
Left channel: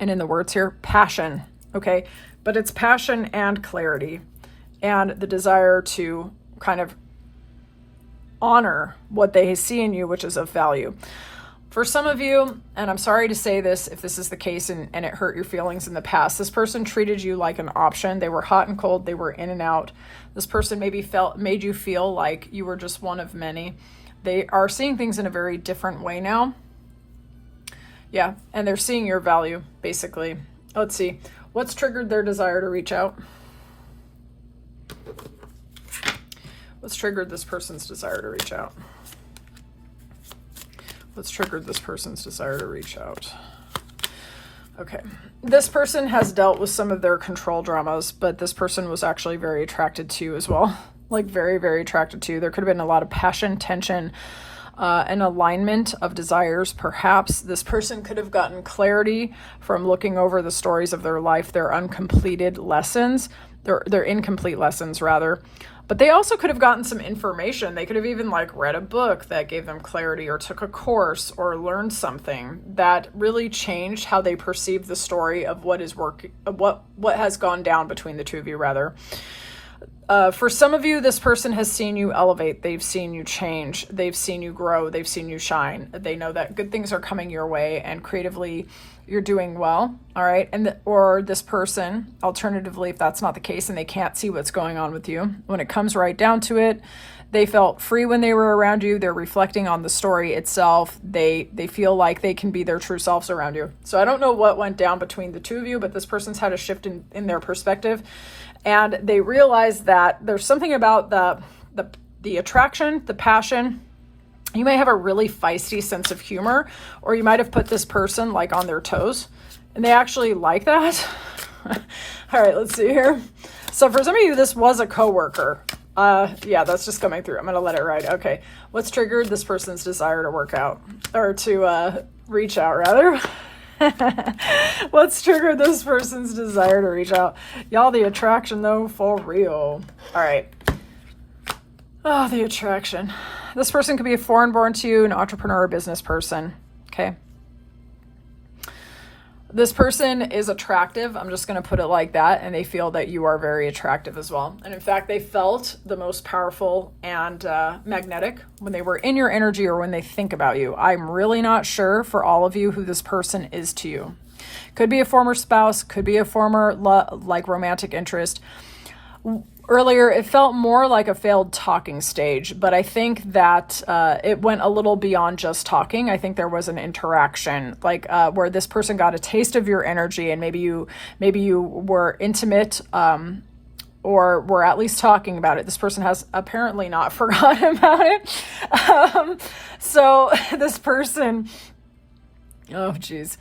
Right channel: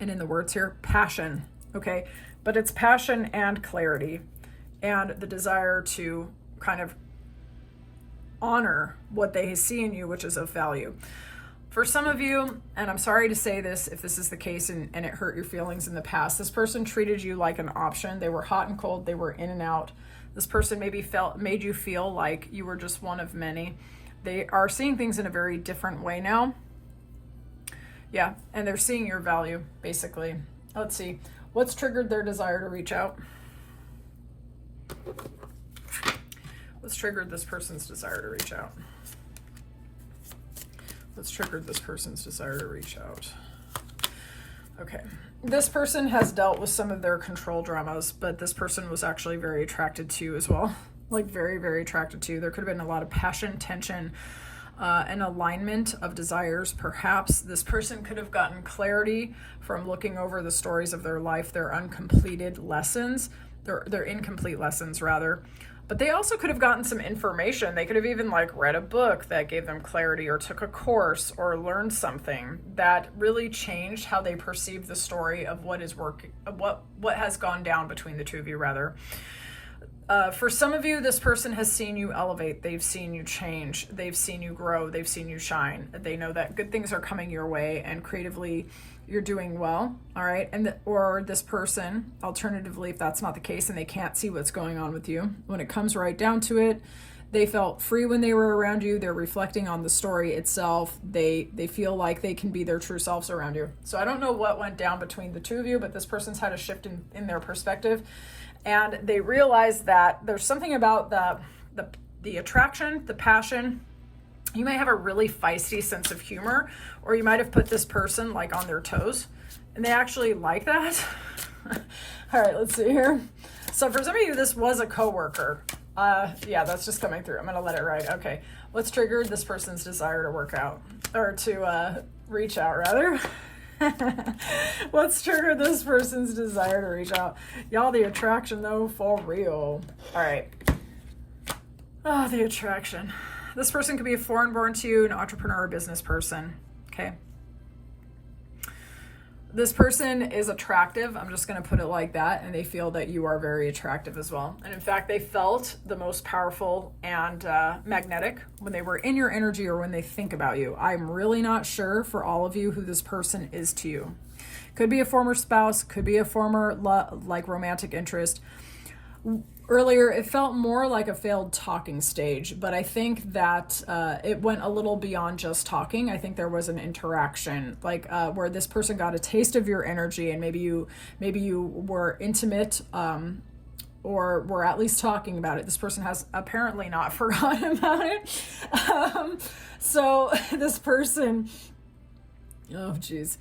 and in the words here, passion, okay? But it's passion and clarity and the desire to kind of honor what they see in you, which is of value. For some of you, and I'm sorry to say this if this is the case and it hurt your feelings in the past, this person treated you like an option. They were hot and cold. They were in and out. This person maybe made you feel like you were just one of many. They are seeing things in a very different way now. Yeah, and they're seeing your value, basically. Let's see. What's triggered their desire to reach out? What's triggered this person's desire to reach out? What's triggered this person's desire to reach out? Okay. This person has dealt with some of their control dramas, but this person was actually very attracted to you as well. Like very, very attracted to you. There could have been a lot of passion, tension, an alignment of desires. Perhaps this person could have gotten clarity from looking over the stories of their life, their uncompleted lessons, their incomplete lessons rather. But they also could have gotten some information. They could have even like read a book that gave them clarity, or took a course, or learned something that really changed how they perceive the story of what is what has gone down between the two of you rather. For some of you, this person has seen you elevate. They've seen you change. They've seen you grow. They've seen you shine. They know that good things are coming your way, and creatively you're doing well. All right. Or this person, alternatively, if that's not the case and they can't see what's going on with you, when it comes right down to it, they felt free when they were around you. They're reflecting on the story itself. They feel like they can be their true selves around you. So I don't know what went down between the two of you, but this person's had a shift in their perspective. And they realize that there's something about the attraction, the passion. You may have a really feisty sense of humor, or you might have put this person like on their toes, and they actually like that. All right, let's see here. So for some of you, this was a coworker. Yeah, that's just coming through. I'm going to let it ride. Okay. What's triggered this person's desire to work out, or to reach out rather? What's triggered this person's desire to reach out? Y'all, the attraction though, for real. All right. Oh, the attraction. This person could be a foreign-born to you, an entrepreneur or business person. Okay. This person is attractive. I'm just going to put it like that. And they feel that you are very attractive as well. And in fact, they felt the most powerful and magnetic when they were in your energy, or when they think about you. I'm really not sure for all of you who this person is to you. Could be a former spouse, could be a former romantic interest. Earlier, it felt more like a failed talking stage, but I think that it went a little beyond just talking. I think there was an interaction, where this person got a taste of your energy, and maybe you were intimate, or were at least talking about it. This person has apparently not forgotten about it. So this person, oh geez.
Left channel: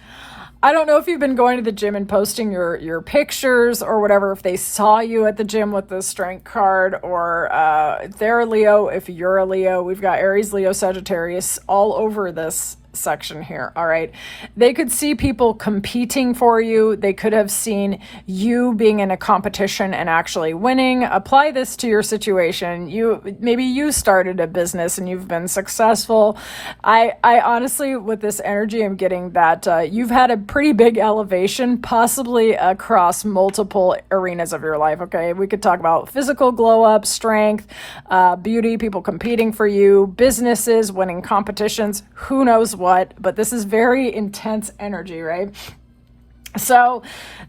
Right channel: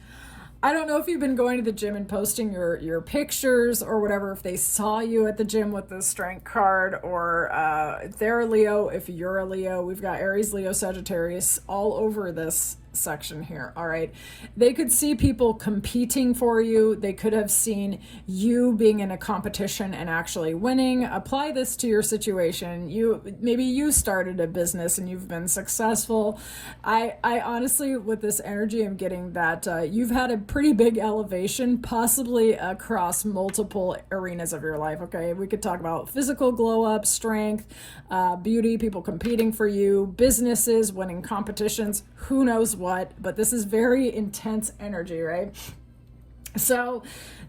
I don't know if you've been going to the gym and posting your pictures or whatever, if they saw you at the gym with the strength card, or if they're a Leo, if you're a Leo. We've got Aries, Leo, Sagittarius all over this section here. All right. They could see people competing for you. They could have seen you being in a competition and actually winning. Apply this to your situation. Maybe you started a business and you've been successful. I honestly, with this energy, I'm getting that you've had a pretty big elevation, possibly across multiple arenas of your life. Okay. We could talk about physical glow up, strength, beauty, people competing for you, businesses, winning competitions, who knows what, but this is very intense energy, right? So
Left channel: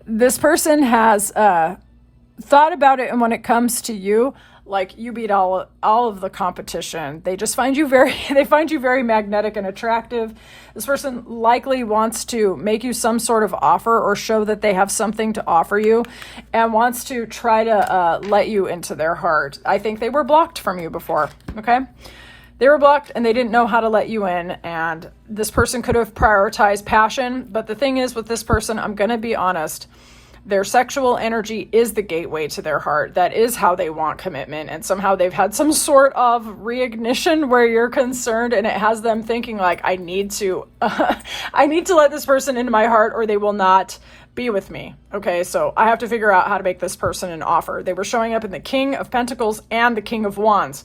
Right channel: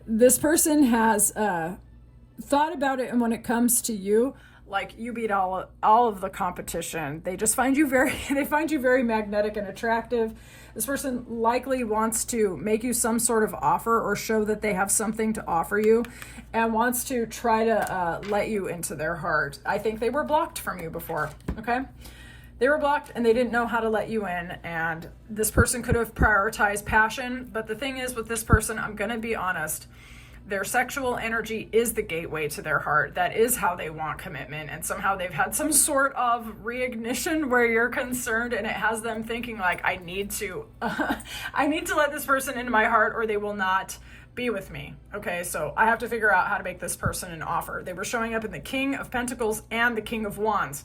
this person has thought about it, and when it comes to you, like, you beat all of the competition. They just find you very magnetic and attractive. This person likely wants to make you some sort of offer, or show that they have something to offer you, and wants to try to let you into their heart. I think they were blocked from you before, okay? They were blocked and they didn't know how to let you in, and this person could have prioritized passion. But the thing is, with this person, I'm going to be honest, their sexual energy is the gateway to their heart. That is how they want commitment, and somehow they've had some sort of reignition where you're concerned, and it has them thinking like, I need to let this person into my heart, or they will not be with me. Okay, so I have to figure out how to make this person an offer. They were showing up in the King of Pentacles and the King of Wands.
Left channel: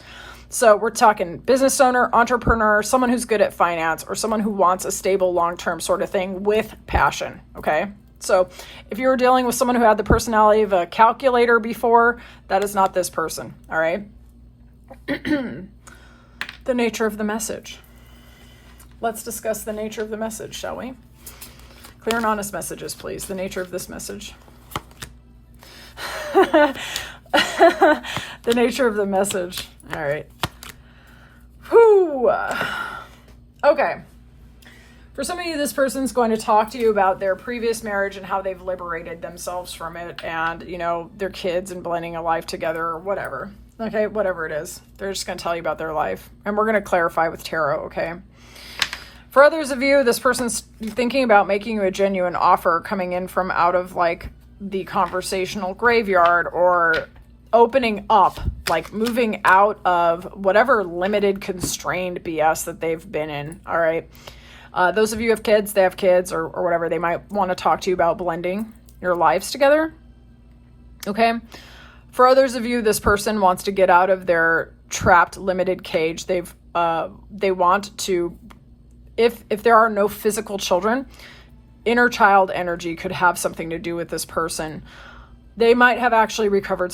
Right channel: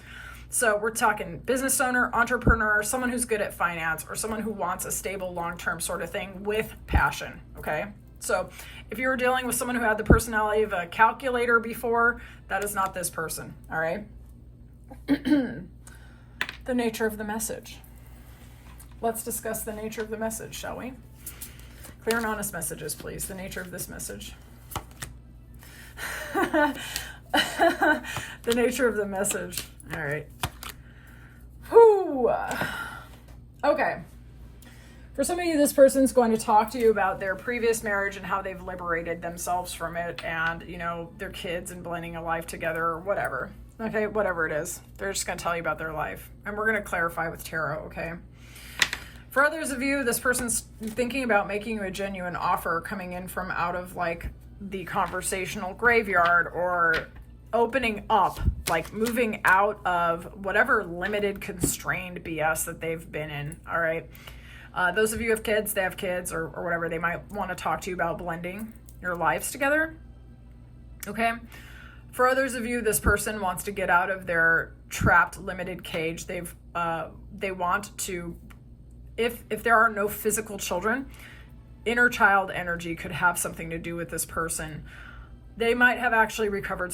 So we're talking business owner, entrepreneur, someone who's good at finance, or someone who wants a stable long-term sort of thing with passion, okay? So if you were dealing with someone who had the personality of a calculator before, that is not this person, all right? The nature of the message. Let's discuss the nature of the message, shall we? Clear and honest messages, please. The nature of this message. The nature of the message. All right. Whew. Okay. For some of you, this person's going to talk to you about their previous marriage and how they've liberated themselves from it, and, their kids and blending a life together, or whatever. Okay, whatever it is. They're just going to tell you about their life. And we're going to clarify with tarot, okay? For others of you, this person's thinking about making you a genuine offer, coming in from out of the conversational graveyard, or opening up, like moving out of whatever limited, constrained BS that they've been in. All right. Those of you who have kids, they have kids or whatever, they might want to talk to you about blending your lives together. Okay. For others of you, this person wants to get out of their trapped, limited cage. They want to, if there are no physical children, inner child energy could have something to do with this person. They might have actually recovered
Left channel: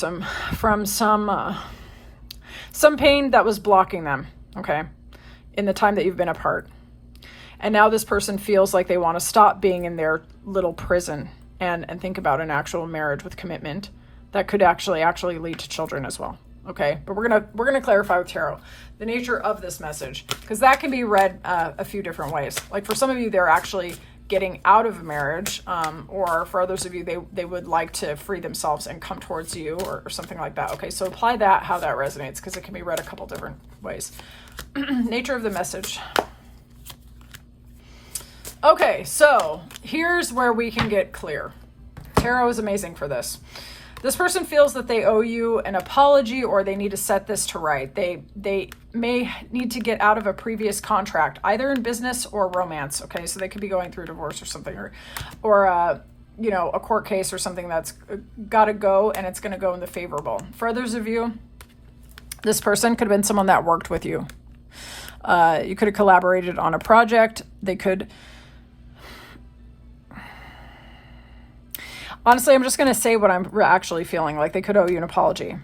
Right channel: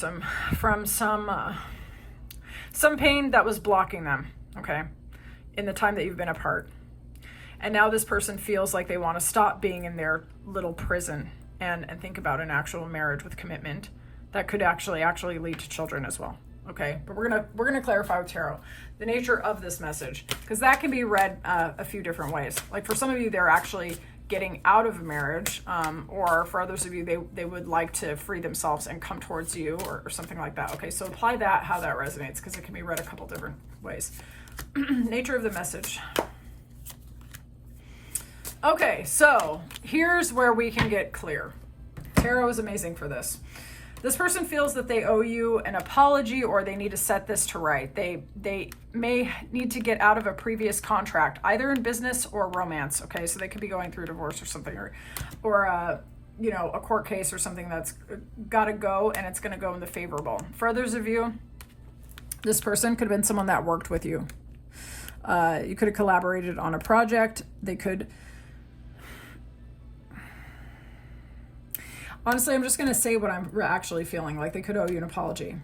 from some pain that was blocking them, okay, in the time that you've been apart. And now this person feels like they want to stop being in their little prison and think about an actual marriage with commitment that could actually lead to children as well. Okay, but we're gonna clarify with tarot the nature of this message, because that can be read a few different ways. Like for some of you, they're actually getting out of a marriage, or for others of you, they would like to free themselves and come towards you, or something like that. Okay, so apply that, how that resonates, because it can be read a couple different ways. Nature of the message. Okay, so here's where we can get clear. Tarot is amazing for this. This person feels that they owe you an apology, or they need to set this to right. They may need to get out of a previous contract, either in business or romance. Okay, so they could be going through divorce or something, or a court case or something that's got to go, and it's going to go in the favorable. For others of you, this person could have been someone that worked with you. You could have collaborated on a project. They could. Honestly, I'm just going to say what I'm actually feeling. Like they could owe you an apology.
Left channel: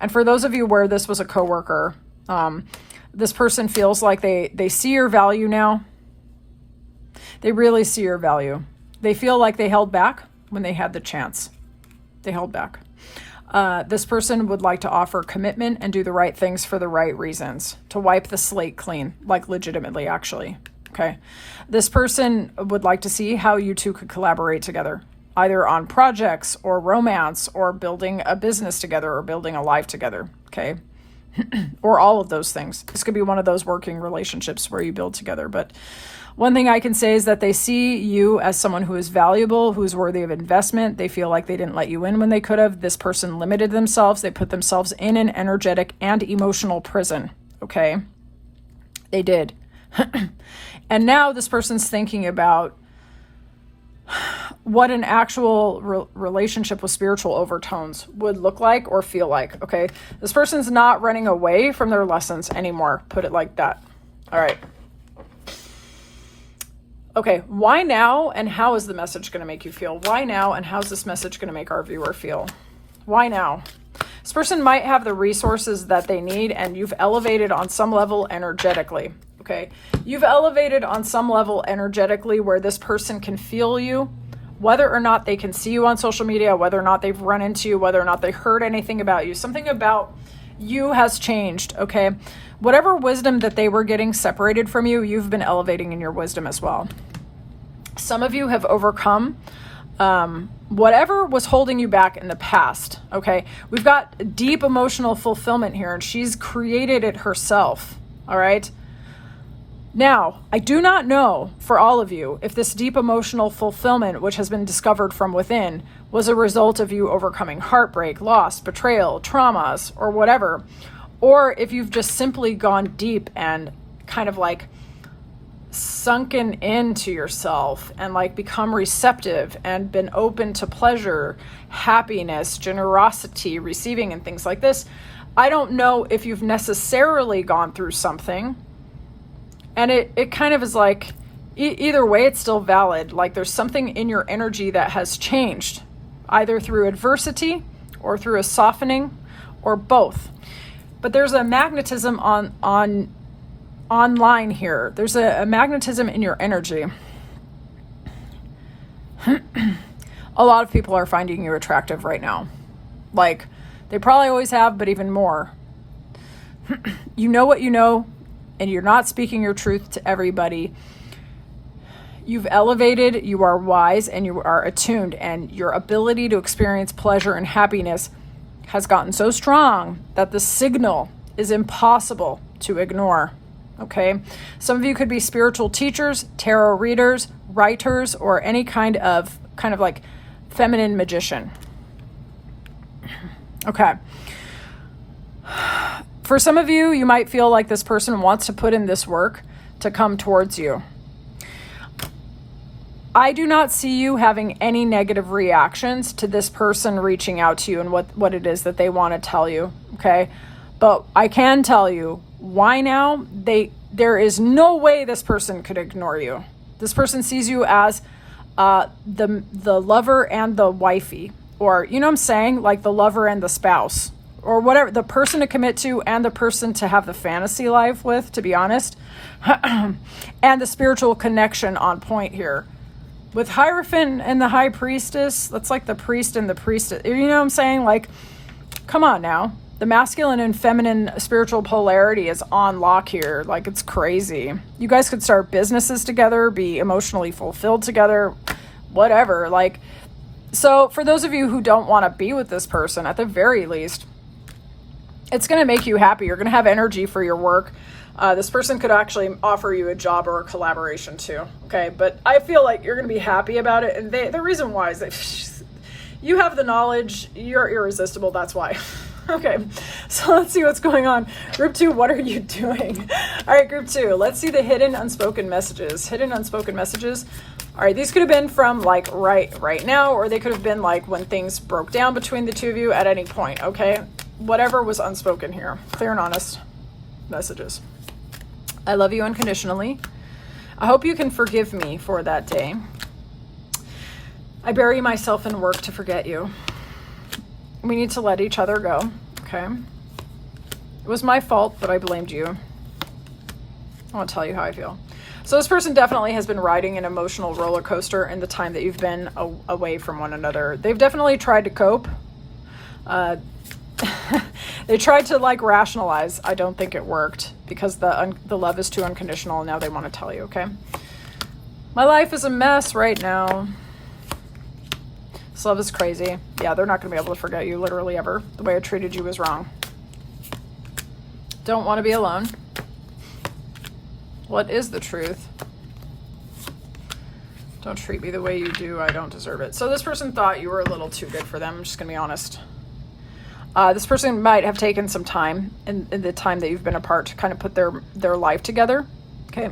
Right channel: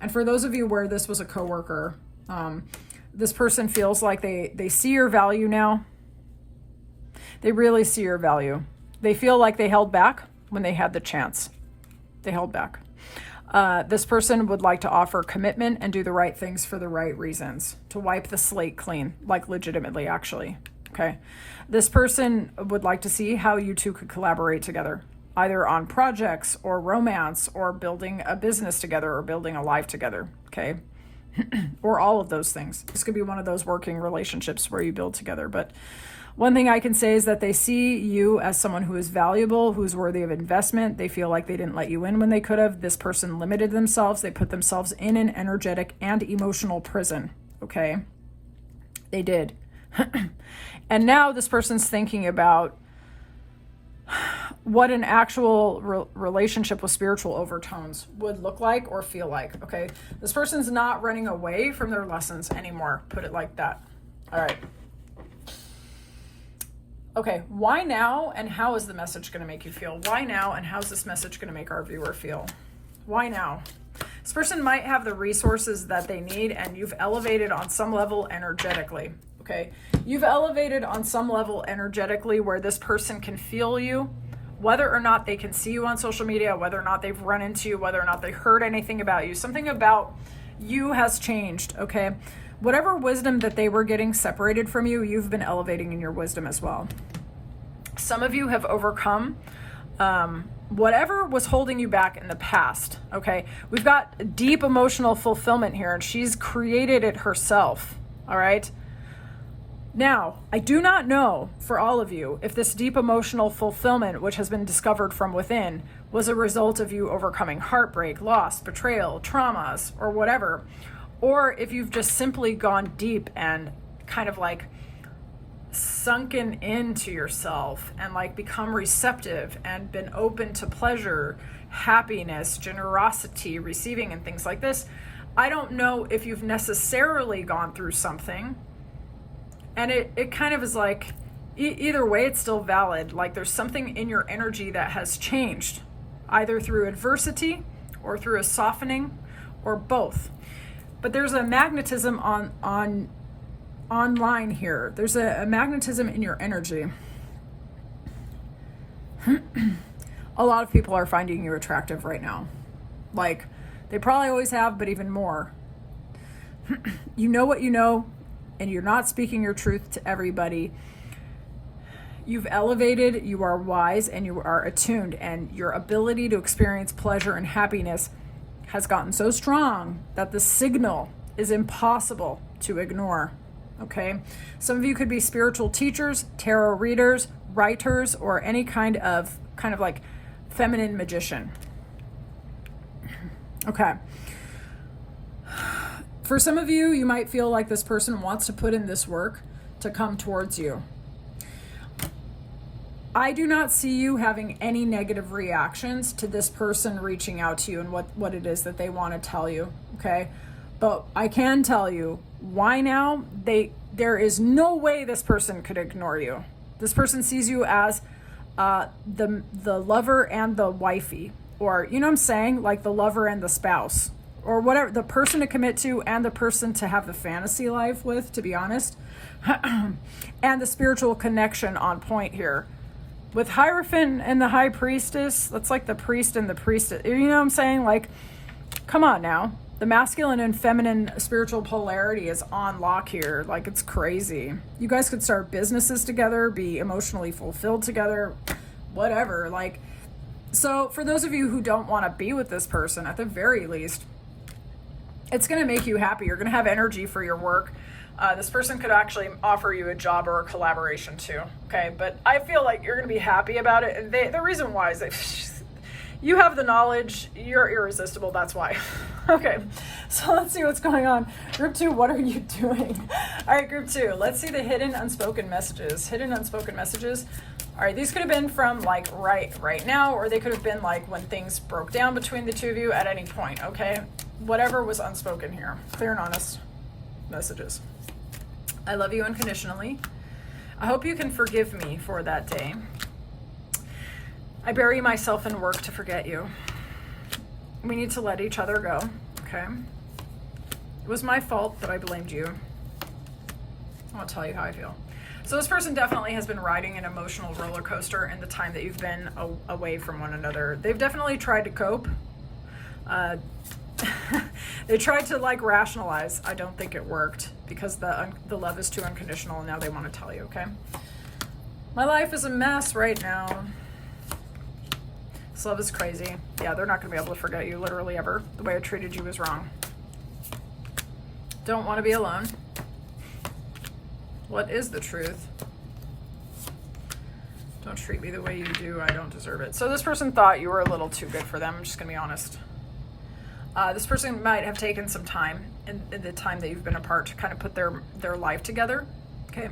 And for those of you where this was a coworker, this person feels like they see your value now. They really see your value. They feel like they held back when they had the chance. They held back. This person would like to offer commitment and do the right things for the right reasons, to wipe the slate clean, like legitimately, actually. Okay. This person would like to see how you two could collaborate together, either on projects or romance or building a business together or building a life together, okay? Or all of those things. This could be one of those working relationships where you build together. But one thing I can say is that they see you as someone who is valuable, who is worthy of investment. They feel like they didn't let you in when they could have. This person limited themselves. They put themselves in an energetic and emotional prison, okay? They did. And now this person's thinking about what an actual relationship with spiritual overtones would look like or feel like, okay? This person's not running away from their lessons anymore, put it like that. All right. Okay, why now, and how is the message going to make you feel? Why now, and how's this message going to make our viewer feel? Why now? This person might have the resources that they need, and you've elevated on some level energetically, okay? You've elevated on some level energetically where this person can feel you, whether or not they can see you on social media, whether or not they've run into you, whether or not they heard anything about you. Something about you has changed, okay? Whatever wisdom that they were getting separated from you, you've been elevating in your wisdom as well. Some of you have overcome whatever was holding you back in the past, okay? We've got deep emotional fulfillment here, and she's created it herself, all right? Now, I do not know for all of you if this deep emotional fulfillment, which has been discovered from within, was a result of you overcoming heartbreak, loss, betrayal, traumas, or whatever, or if you've just simply gone deep and kind of like sunken into yourself and like become receptive and been open to pleasure, happiness, generosity, receiving, and things like this. I don't know if you've necessarily gone through something. And it kind of is like, either way, it's still valid. Like there's something in your energy that has changed, either through adversity or through a softening or both. But there's a magnetism online here. There's a magnetism in your energy. A lot of people are finding you attractive right now. Like they probably always have, but even more. You know what you know, and you're not speaking your truth to everybody. You've elevated, you are wise, and you are attuned, and your ability to experience pleasure and happiness has gotten so strong that the signal is impossible to ignore, okay? Some of you could be spiritual teachers, tarot readers, writers, or any kind of like feminine magician, Okay. For some of you, you might feel like this person wants to put in this work to come towards you. I do not see you having any negative reactions to this person reaching out to you and what it is that they want to tell you, okay? But I can tell you, why now? There is no way this person could ignore you. This person sees you as the lover and the wifey, or, you know what I'm saying? Like the lover and the spouse, or whatever, the person to commit to and the person to have the fantasy life with, to be honest. And the spiritual connection on point here. With Hierophant and the High Priestess, that's like the priest and the priestess. You know what I'm saying? Like, come on now. The masculine and feminine spiritual polarity is on lock here. Like, it's crazy. You guys could start businesses together, be emotionally fulfilled together, whatever. Like, so for those of you who don't want to be with this person, at the very least, it's going to make you happy. You're going to have energy for your work. This person could actually offer you a job or a collaboration too. Okay. But I feel like you're going to be happy about it. And the reason why is that you have the knowledge, you're irresistible. That's why. Okay. So let's see what's going on. Group 2, what are you doing? All right, group 2, let's see the hidden unspoken messages. Hidden unspoken messages. All right, these could have been from like right now, or they could have been like when things broke down between the two of you at any point. Okay. Whatever was unspoken here. Clear and honest messages. I love you unconditionally. I hope you can forgive me for that day. I bury myself in work to forget you. We need to let each other go, okay? It was my fault, but I blamed you. I won't tell you how I feel. So this person definitely has been riding an emotional roller coaster in the time that you've been away from one another. They've definitely tried to cope. They tried to like rationalize. I don't think it worked because the love is too unconditional and now they want to tell you, okay? My life is a mess right now. This love is crazy. Yeah, they're not going to be able to forget you literally ever. The way I treated you was wrong. Don't want to be alone. What is the truth? Don't treat me the way you do. I don't deserve it. So this person thought you were a little too good for them. I'm just going to be honest. This person might have taken some time in the time that you've been apart to kind of put their life together. Okay.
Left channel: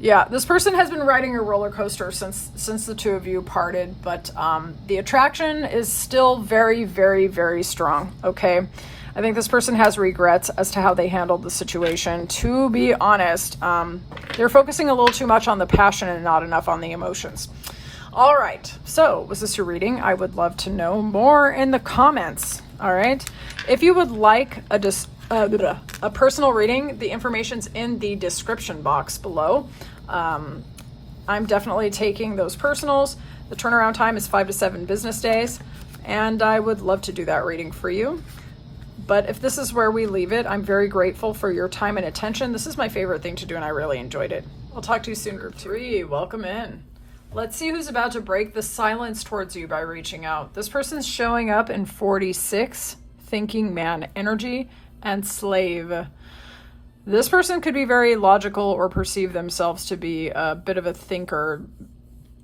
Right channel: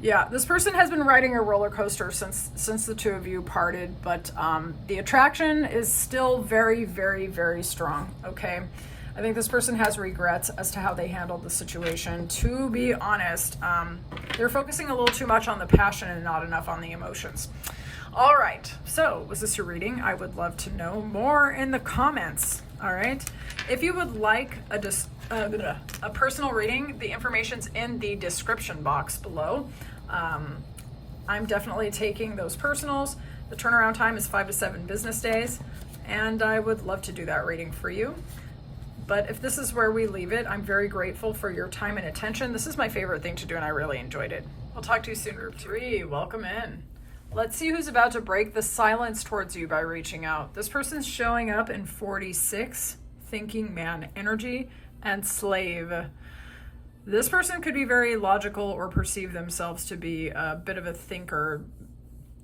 Yeah, this person has been riding a roller coaster since the two of you parted, but the attraction is still very, very, very strong. Okay. I think this person has regrets as to how they handled the situation. To be honest, they're focusing a little too much on the passion and not enough on the emotions. All right, so was this your reading? I would love to know more in the comments. All right, if you would like a personal reading, the information's in the description box below. I'm definitely taking those personals. The turnaround time is 5 to 7 business days, and I would love to do that reading for you. But if this is where we leave it, I'm very grateful for your time and attention. This is my favorite thing to do, and I really enjoyed it. I'll talk to you soon, group 3. Welcome in. Let's see who's about to break the silence towards you by reaching out. This person's showing up in 46, thinking man energy, and slave. This person could be very logical or perceive themselves to be a bit of a thinker.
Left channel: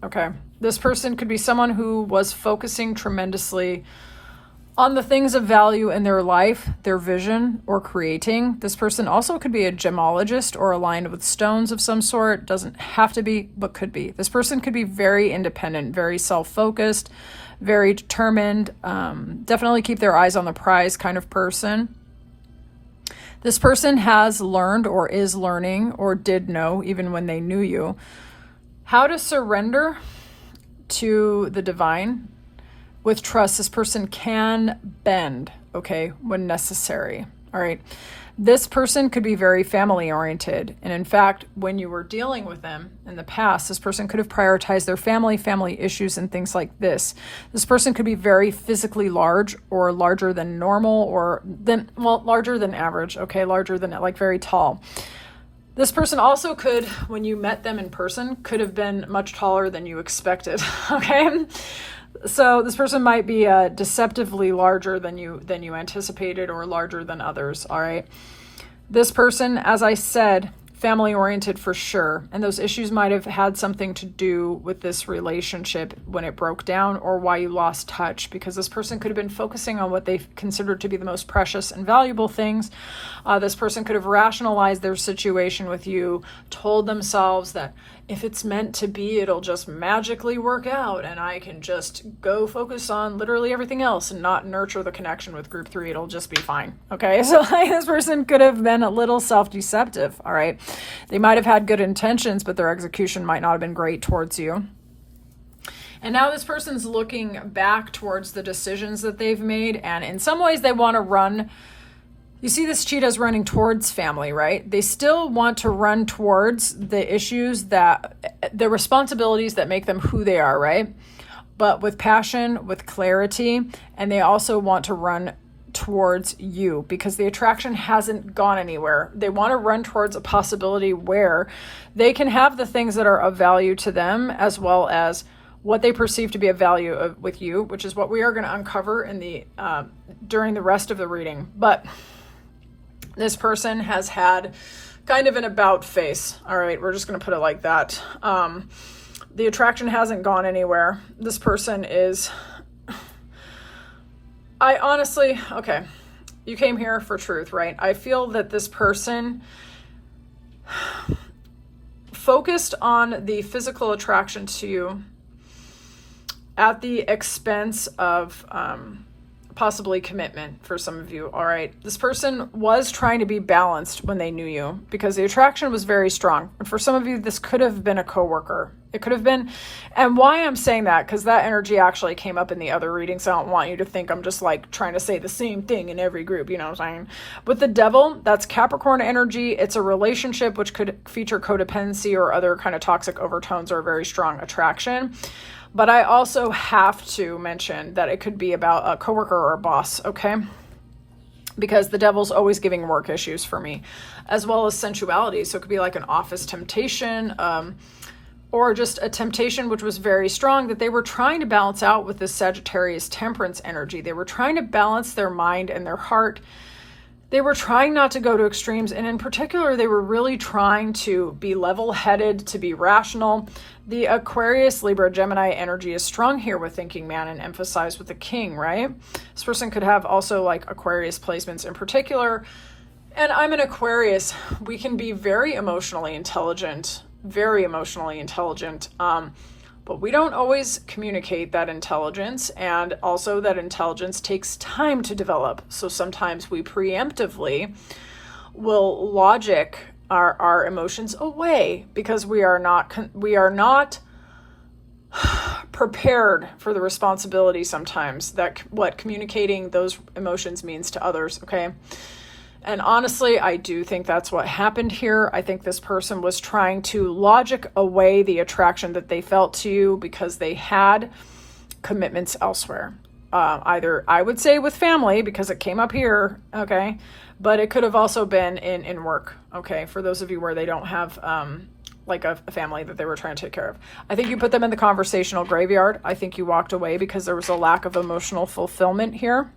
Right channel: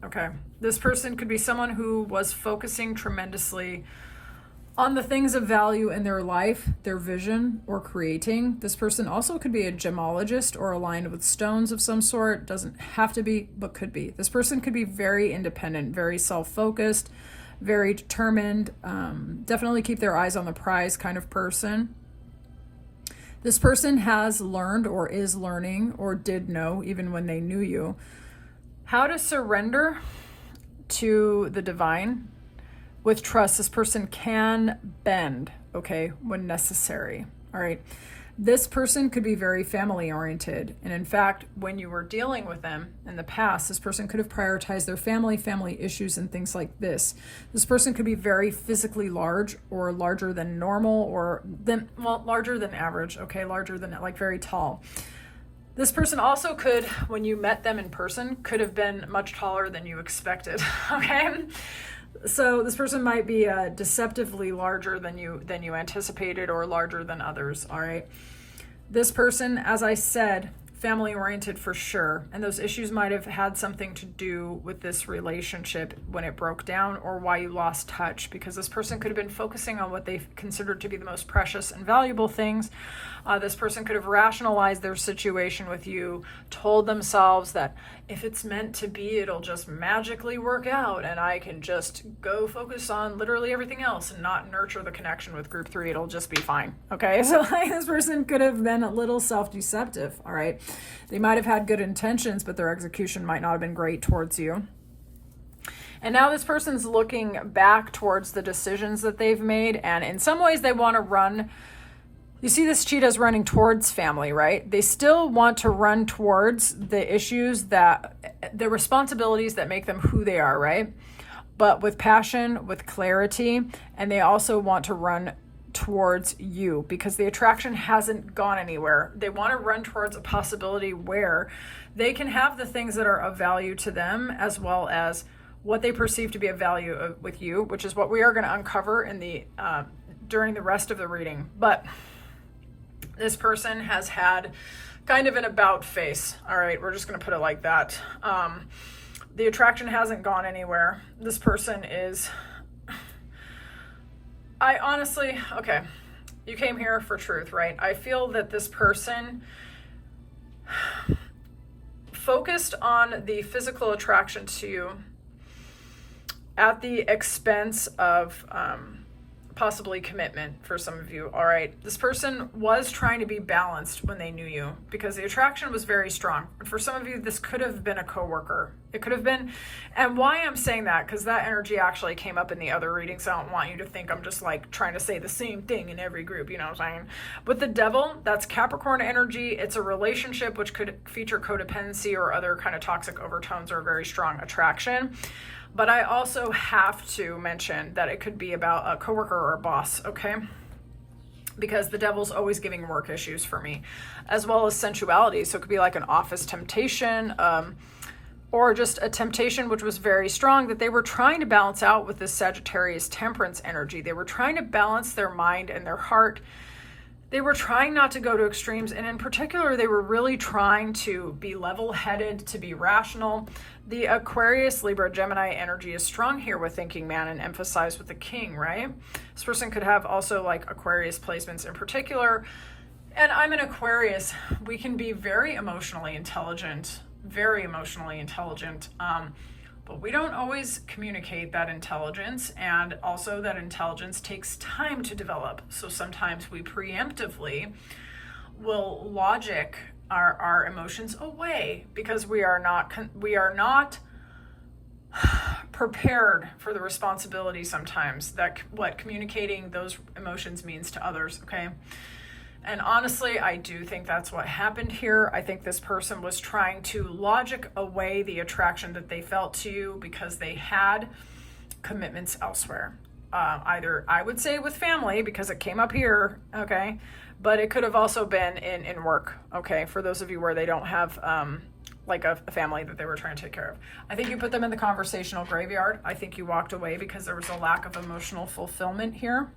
Okay. This person could be someone who was focusing tremendously on the things of value in their life, their vision, or creating. This person also could be a gemologist or aligned with stones of some sort. Doesn't have to be, but could be. This person could be very independent, very self-focused, very determined, definitely keep their eyes on the prize kind of person. This person has learned or is learning or did know, even when they knew you, how to surrender to the divine. With trust, this person can bend, okay, when necessary. All right. This person could be very family oriented. And in fact, when you were dealing with them in the past, this person could have prioritized their family issues and things like this. This person could be very physically large or larger than normal or larger than average. Okay. Larger than like very tall. This person also could, when you met them in person, could have been much taller than you expected. Okay. So this person might be deceptively larger than you anticipated or larger than others, all right? This person, as I said, family oriented for sure. And those issues might have had something to do with this relationship when it broke down, or why you lost touch, because this person could have been focusing on what they considered to be the most precious and valuable things. This person could have rationalized their situation with you, told themselves that if it's meant to be, it'll just magically work out and I can just go focus on literally everything else and not nurture the connection with group 3. It'll just be fine. Okay, so this person could have been a little self-deceptive. All right, they might have had good intentions, but their execution might not have been great towards you. And now this person's looking back towards the decisions that they've made, and in some ways they want to run. You see this cheetah's running towards family, right? They still want to run towards the issues, the responsibilities that make them who they are, right? But with passion, with clarity, and they also want to run towards you because the attraction hasn't gone anywhere. They want to run towards a possibility where they can have the things that are of value to them, as well as what they perceive to be of value with you, which is what we are going to uncover in the during the rest of the reading. But this person has had kind of an about face. All right, we're just going to put it like that. The attraction hasn't gone anywhere. This person is, okay, you came here for truth, right? I feel that this person focused on the physical attraction to you at the expense of possibly commitment for some of you. All right, this person was trying to be balanced when they knew you because the attraction was very strong. And for some of you, this could have been a coworker. It could have been, and why I'm saying that, because that energy actually came up in the other reading, so I don't want you to think I'm just like trying to say the same thing in every group, you know what I'm saying? With the devil, that's Capricorn energy. It's a relationship which could feature codependency or other kind of toxic overtones or very strong attraction. But I also have to mention that it could be about a coworker or a boss, okay? Because the devil's always giving work issues for me, as well as sensuality. So it could be like an office temptation, or just a temptation which was very strong that they were trying to balance out with this Sagittarius temperance energy. They were trying to balance their mind and their heart. They were trying not to go to extremes, and in particular, they were really trying to be level-headed, to be rational. The Aquarius, Libra, Gemini energy is strong here with thinking man and emphasized with the king, right? This person could have also like Aquarius placements in particular. And I'm an Aquarius. We can be very emotionally intelligent, but we don't always communicate that intelligence, and also that intelligence takes time to develop. So sometimes we preemptively will logic our emotions away because we are not prepared for the responsibility sometimes that what communicating those emotions means to others, okay? And honestly, I do think that's what happened here. I think this person was trying to logic away the attraction that they felt to you because they had commitments elsewhere. Either, I would say, with family, because it came up here, okay? But it could have also been in work, okay? For those of you where they don't have like a family that they were trying to take care of. I think you put them in the conversational graveyard. I think you walked away because there was a lack of emotional fulfillment here.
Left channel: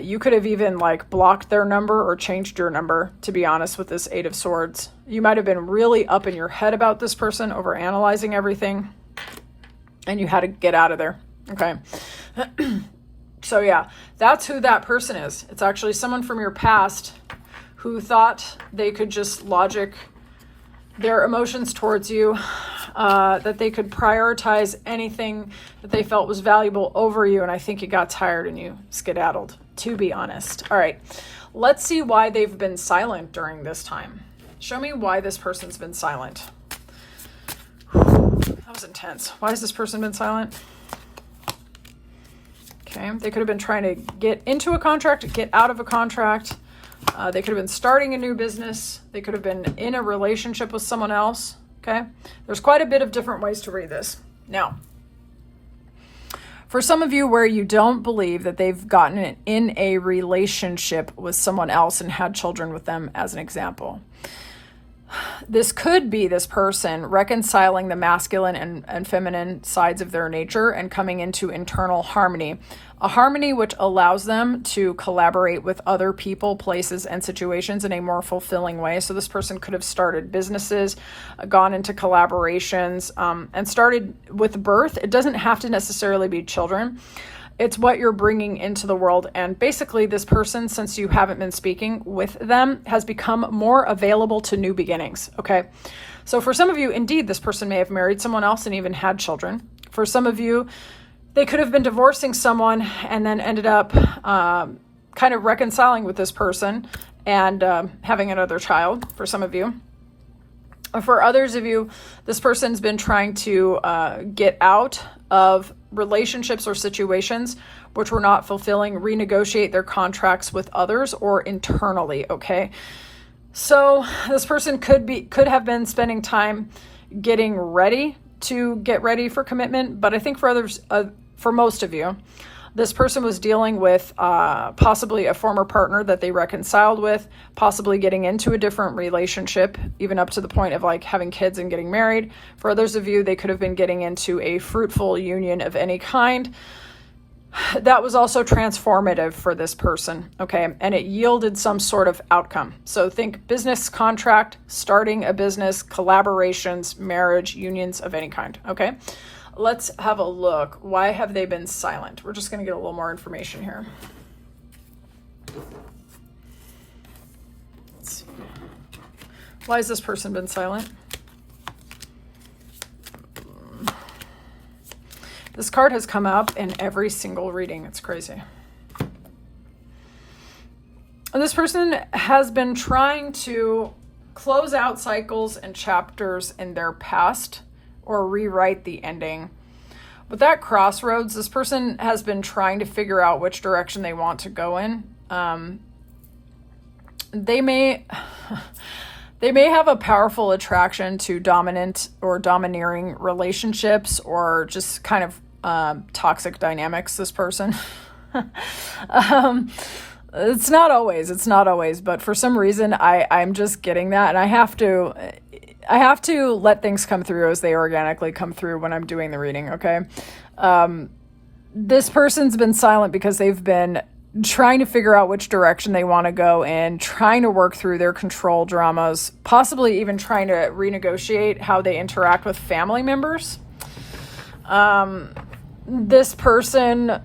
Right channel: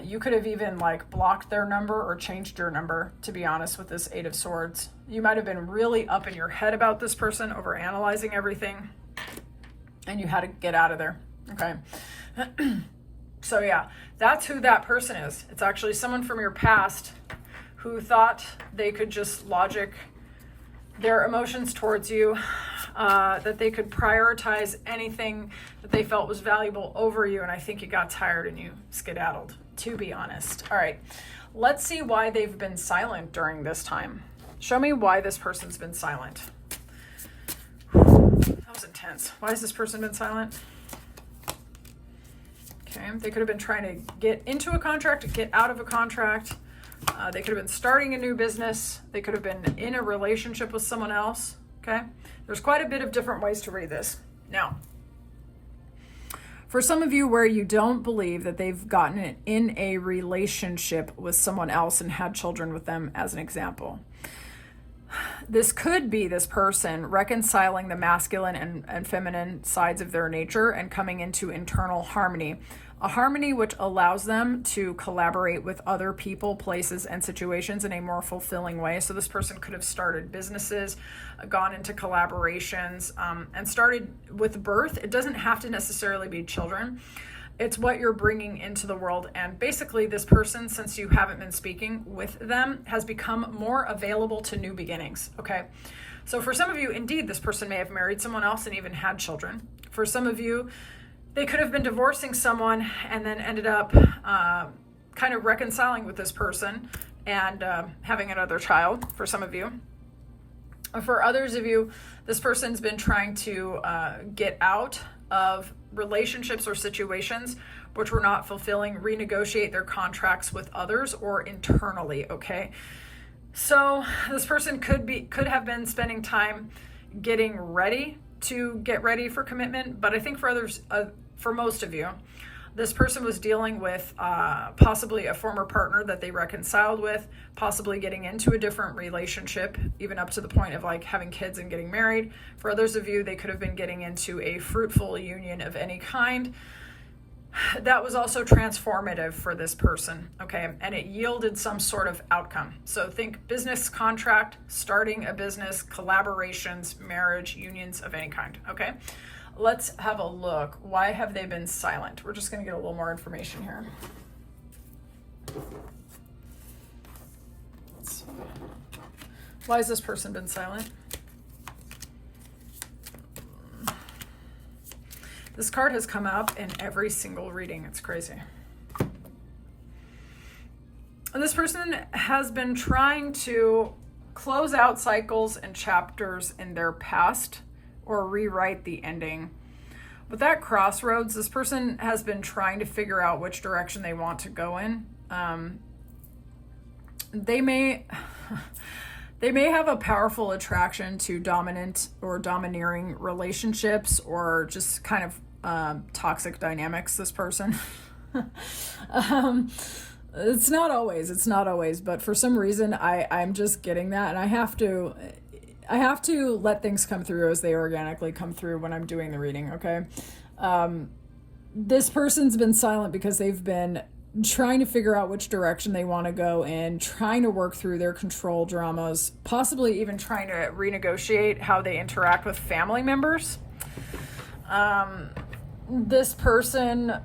You could have even like blocked their number or changed your number, to be honest, with this 8 of Swords. You might have been really up in your head about this person, over analyzing everything, and you had to get out of there, okay? So yeah, that's who that person is. It's actually someone from your past who thought they could just logic their emotions towards you, that they could prioritize anything that they felt was valuable over you. And I think you got tired and you skedaddled, to be honest. All right, let's see why they've been silent during this time. Show me why this person's been silent. That was intense. Why has this person been silent? Okay, they could have been trying to get into a contract, get out of a contract. They could have been starting a new business. They could have been in a relationship with someone else, okay? There's quite a bit of different ways to read this. Now, for some of you where you don't believe that they've gotten in a relationship with someone else and had children with them, as an example, This could be this person reconciling the masculine and feminine sides of their nature and coming into internal harmony. A harmony which allows them to collaborate with other people, places, and situations in a more fulfilling way. So this person could have started businesses, gone into collaborations, and started with birth. It doesn't have to necessarily be children. It's what you're bringing into the world. And basically this person, since you haven't been speaking with them, has become more available to new beginnings. Okay. So for some of you, indeed, this person may have married someone else and even had children. For some of you, they could have been divorcing someone and then ended up kind of reconciling with this person and having another child, for some of you. For others of you, this person's been trying to get out of relationships or situations which were not fulfilling, renegotiate their contracts with others or internally, okay? So this person could have been spending time getting ready to get ready for commitment, but I think for others, for most of you, this person was dealing with possibly a former partner that they reconciled with, possibly getting into a different relationship, even up to the point of like having kids and getting married. For others of you, they could have been getting into a fruitful union of any kind. That was also transformative for this person, okay? And it yielded some sort of outcome. So think business contract, starting a business, collaborations, marriage, unions of any kind, okay? Let's have a look. Why have they been silent? We're just going to get a little more information here. Let's see. Why has this person been silent? This card has come up in every single reading. It's crazy. And this person has been trying to close out cycles and chapters in their past or rewrite the ending. With that crossroads, this person has been trying to figure out which direction they want to go in. They may have a powerful attraction to dominant or domineering relationships or just kind of toxic dynamics, this person. It's not always, but for some reason I'm just getting that, and I have to let things come through as they organically come through when I'm doing the reading, okay? This person's been silent because they've been trying to figure out which direction they want to go in, trying to work through their control dramas, possibly even trying to renegotiate how they interact with family members. This person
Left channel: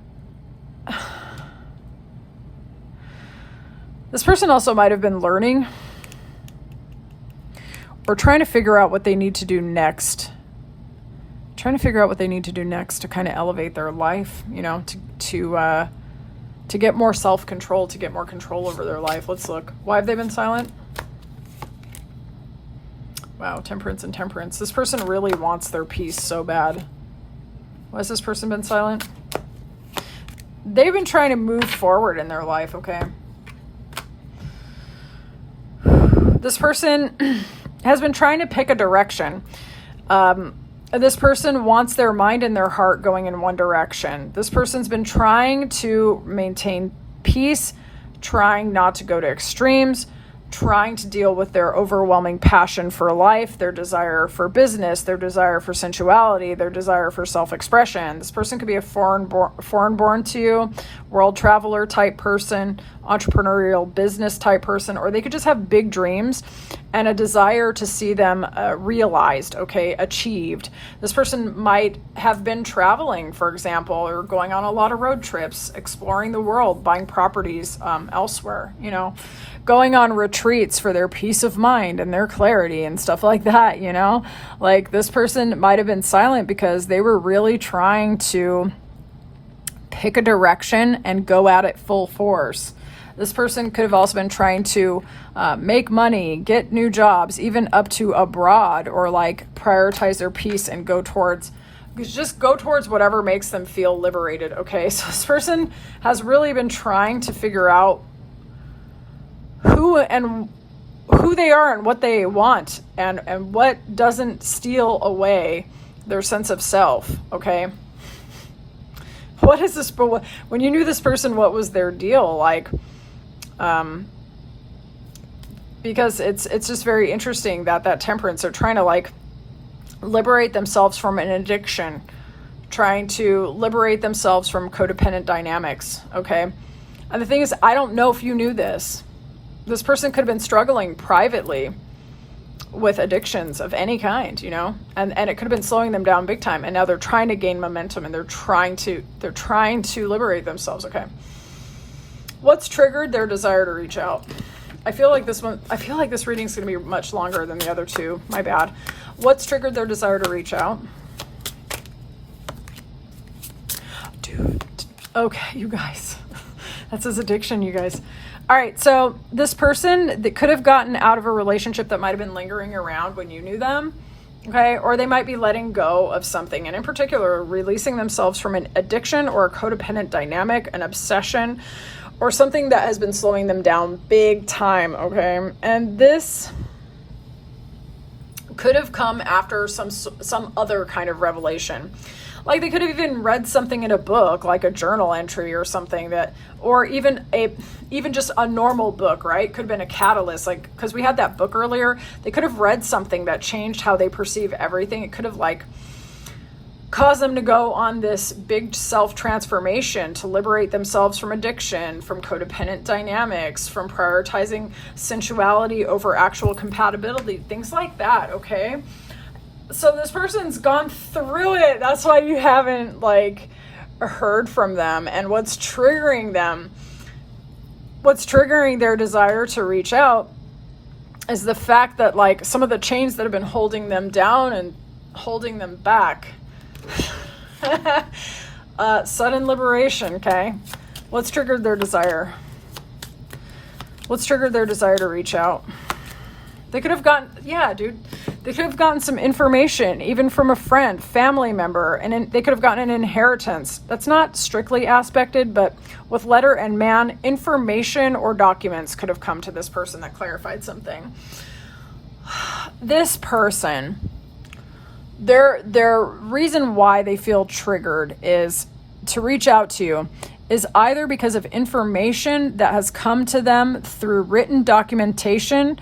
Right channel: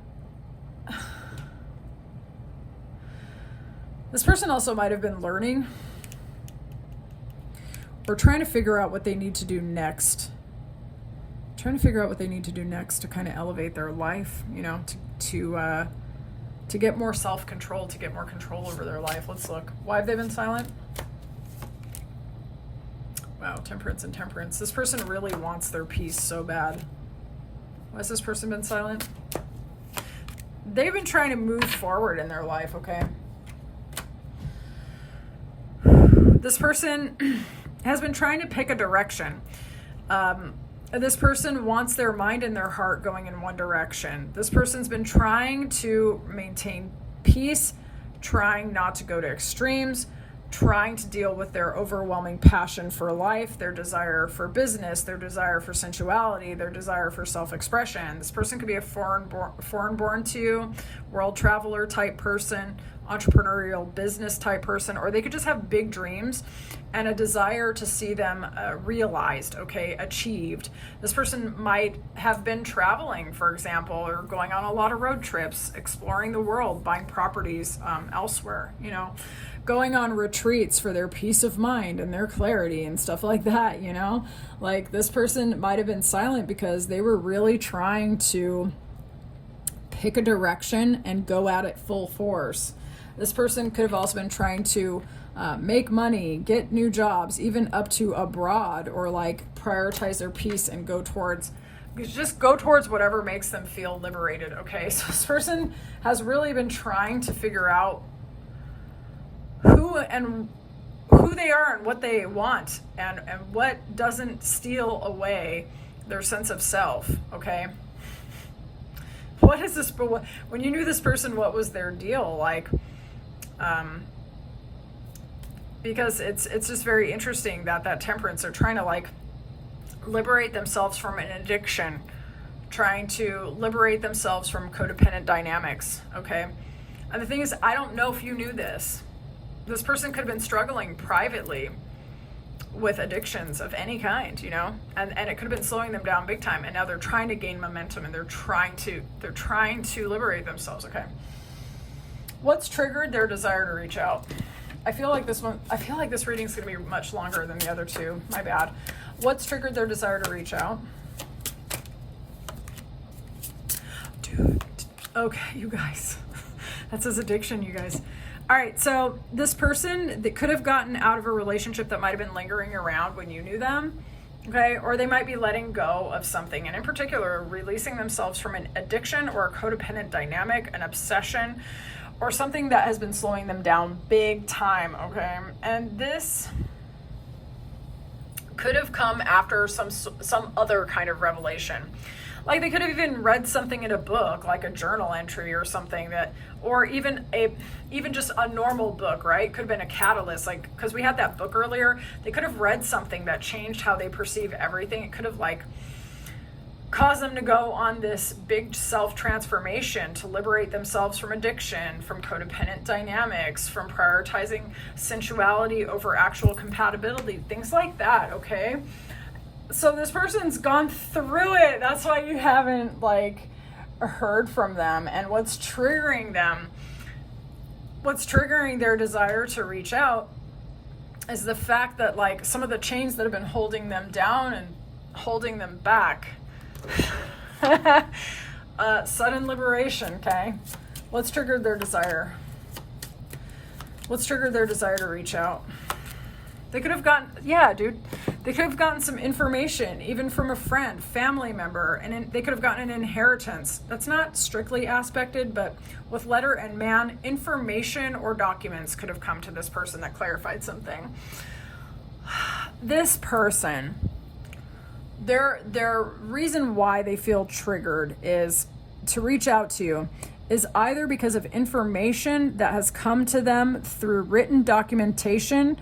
also might have been learning or trying to figure out what they need to do next. To kind of elevate their life, you know, to get more self-control, to get more control over their life. Let's look. Why have they been silent? Wow, Temperance and Temperance. This person really wants their peace so bad. Why has this person been silent? They've been trying to move forward in their life, okay? This person has been trying to pick a direction. This person wants their mind and their heart going in one direction. This person's been trying to maintain peace, trying not to go to extremes, trying to deal with their overwhelming passion for life, their desire for business, their desire for sensuality, their desire for self-expression. This person could be a foreign-born to you, world traveler type person, entrepreneurial business type person, or they could just have big dreams and a desire to see them realized, okay, achieved. This person might have been traveling, for example, or going on a lot of road trips, exploring the world, buying properties elsewhere, you know, going on retreats for their peace of mind and their clarity and stuff like that, you know? Like, this person might have been silent because they were really trying to pick a direction and go at it full force. This person could have also been trying to make money, get new jobs, even up to abroad, or like prioritize their peace and go towards whatever makes them feel liberated, okay? So this person has really been trying to figure out who they are and what they want and what doesn't steal away their sense of self, okay? What is this? When you knew this person, what was their deal? Like, because it's just very interesting that temperance are trying to like liberate themselves from an addiction, trying to liberate themselves from codependent dynamics, okay? And the thing is, I don't know if you knew this. This person could have been struggling privately with addictions of any kind, you know, and it could have been slowing them down big time. And now they're trying to gain momentum, and they're trying to liberate themselves. Okay. What's triggered their desire to reach out? I feel like this reading is going to be much longer than the other two. My bad. What's triggered their desire to reach out? Dude. Okay, you guys. That's his addiction, you guys. All right, so this person that could have gotten out of a relationship that might have been lingering around when you knew them, okay? Or they might be letting go of something, and in particular, releasing themselves from an addiction or a codependent dynamic, an obsession, or something that has been slowing them down big time, okay? And this could have come after some other kind of revelation. Like they could have even read something in a book, like a journal entry or something that, or even just a normal book, right? Could have been a catalyst, like, because we had that book earlier. They could have read something that changed how they perceive everything. It could have like caused them to go on this big self-transformation to liberate themselves from addiction, from codependent dynamics, from prioritizing sensuality over actual compatibility, things like that, okay? So this person's gone through it. That's why you haven't like heard from them. And what's triggering their desire to reach out is the fact that like some of the chains that have been holding them down and holding them back. Sudden liberation, okay? What's triggered their desire? What's triggered their desire to reach out? They could have gotten, they could have gotten some information, even from a friend, family member, and they could have gotten an inheritance. That's not strictly aspected, but with letter and man, information or documents could have come to this person that clarified something. This person, their reason why they feel triggered is to reach out to you is either because of information that has come to them through written documentation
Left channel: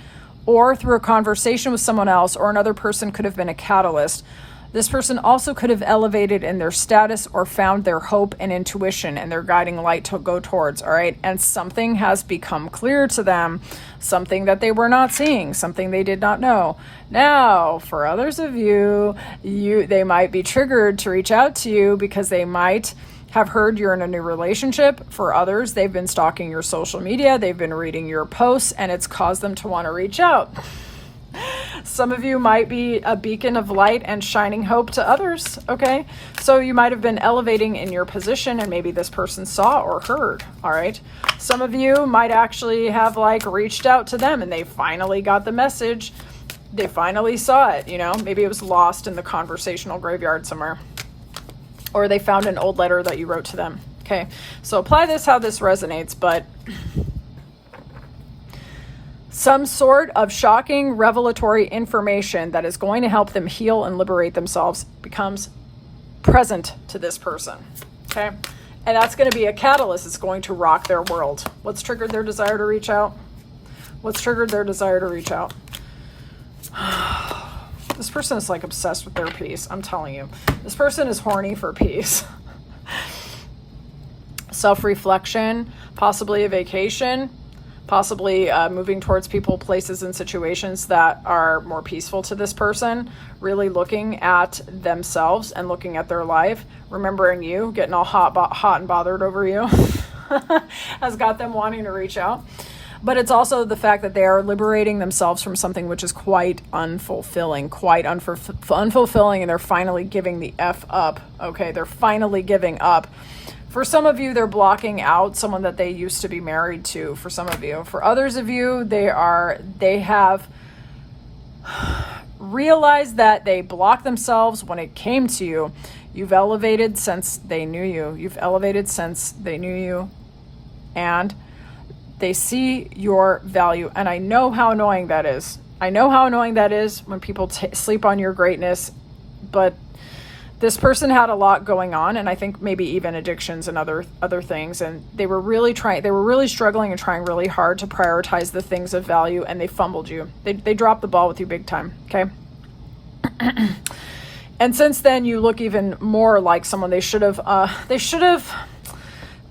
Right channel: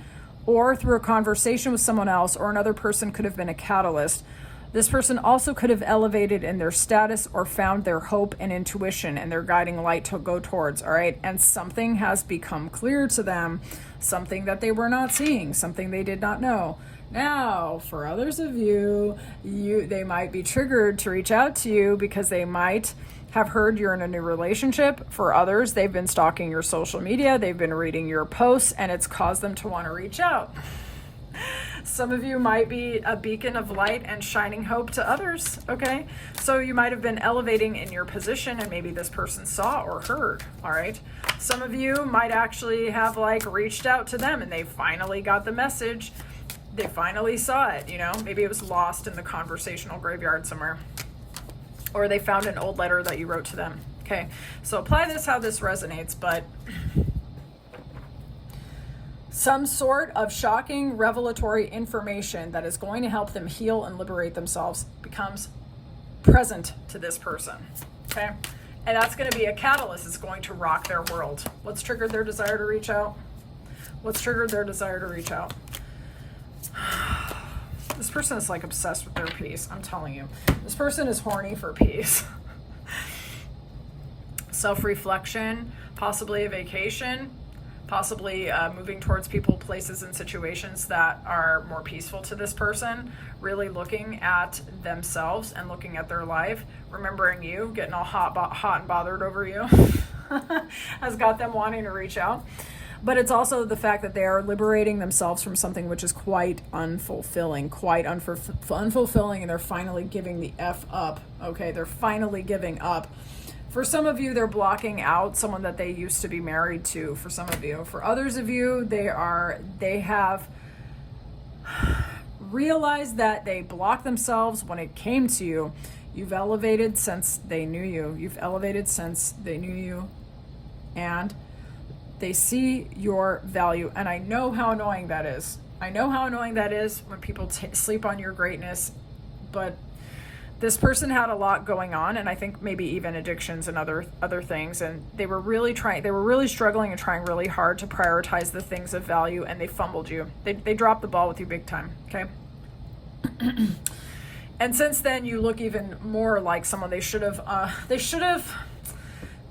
or through a conversation with someone else, or another person could have been a catalyst. This person also could have elevated in their status or found their hope and intuition and their guiding light to go towards, all right? And something has become clear to them, something that they were not seeing, something they did not know. Now, for others of you, they might be triggered to reach out to you because they might have heard you're in a new relationship. For others, they've been stalking your social media, they've been reading your posts, and it's caused them to want to reach out. Some of you might be a beacon of light and shining hope to others, okay? So you might have been elevating in your position, and maybe this person saw or heard, all right? Some of you might actually have like reached out to them and they finally got the message. They finally saw it, you know? Maybe it was lost in the conversational graveyard somewhere. Or they found an old letter that you wrote to them. Okay, so apply this how this resonates, but some sort of shocking, revelatory information that is going to help them heal and liberate themselves becomes present to this person. Okay, and that's going to be a catalyst. It's going to rock their world. What's triggered their desire to reach out? What's triggered their desire to reach out? This person is like obsessed with their peace. I'm telling you, this person is horny for peace. Self-reflection, possibly a vacation, possibly moving towards people, places, and situations that are more peaceful to this person, really looking at themselves and looking at their life, remembering you, getting all hot and bothered over you, has got them wanting to reach out. But it's also the fact that they are liberating themselves from something which is quite unfulfilling, and they're finally giving the F up, okay? They're finally giving up. For some of you, they're blocking out someone that they used to be married to, for some of you. For others of you, they have realized that they blocked themselves when it came to you. You've elevated since they knew you. And they see your value. And I know how annoying that is. I know how annoying that is when people sleep on your greatness, but This person had a lot going on, and I think maybe even addictions and other things, and they were really struggling and trying really hard to prioritize the things of value, and they fumbled you. They dropped the ball with you big time, okay? And since then, you look even more like someone they should have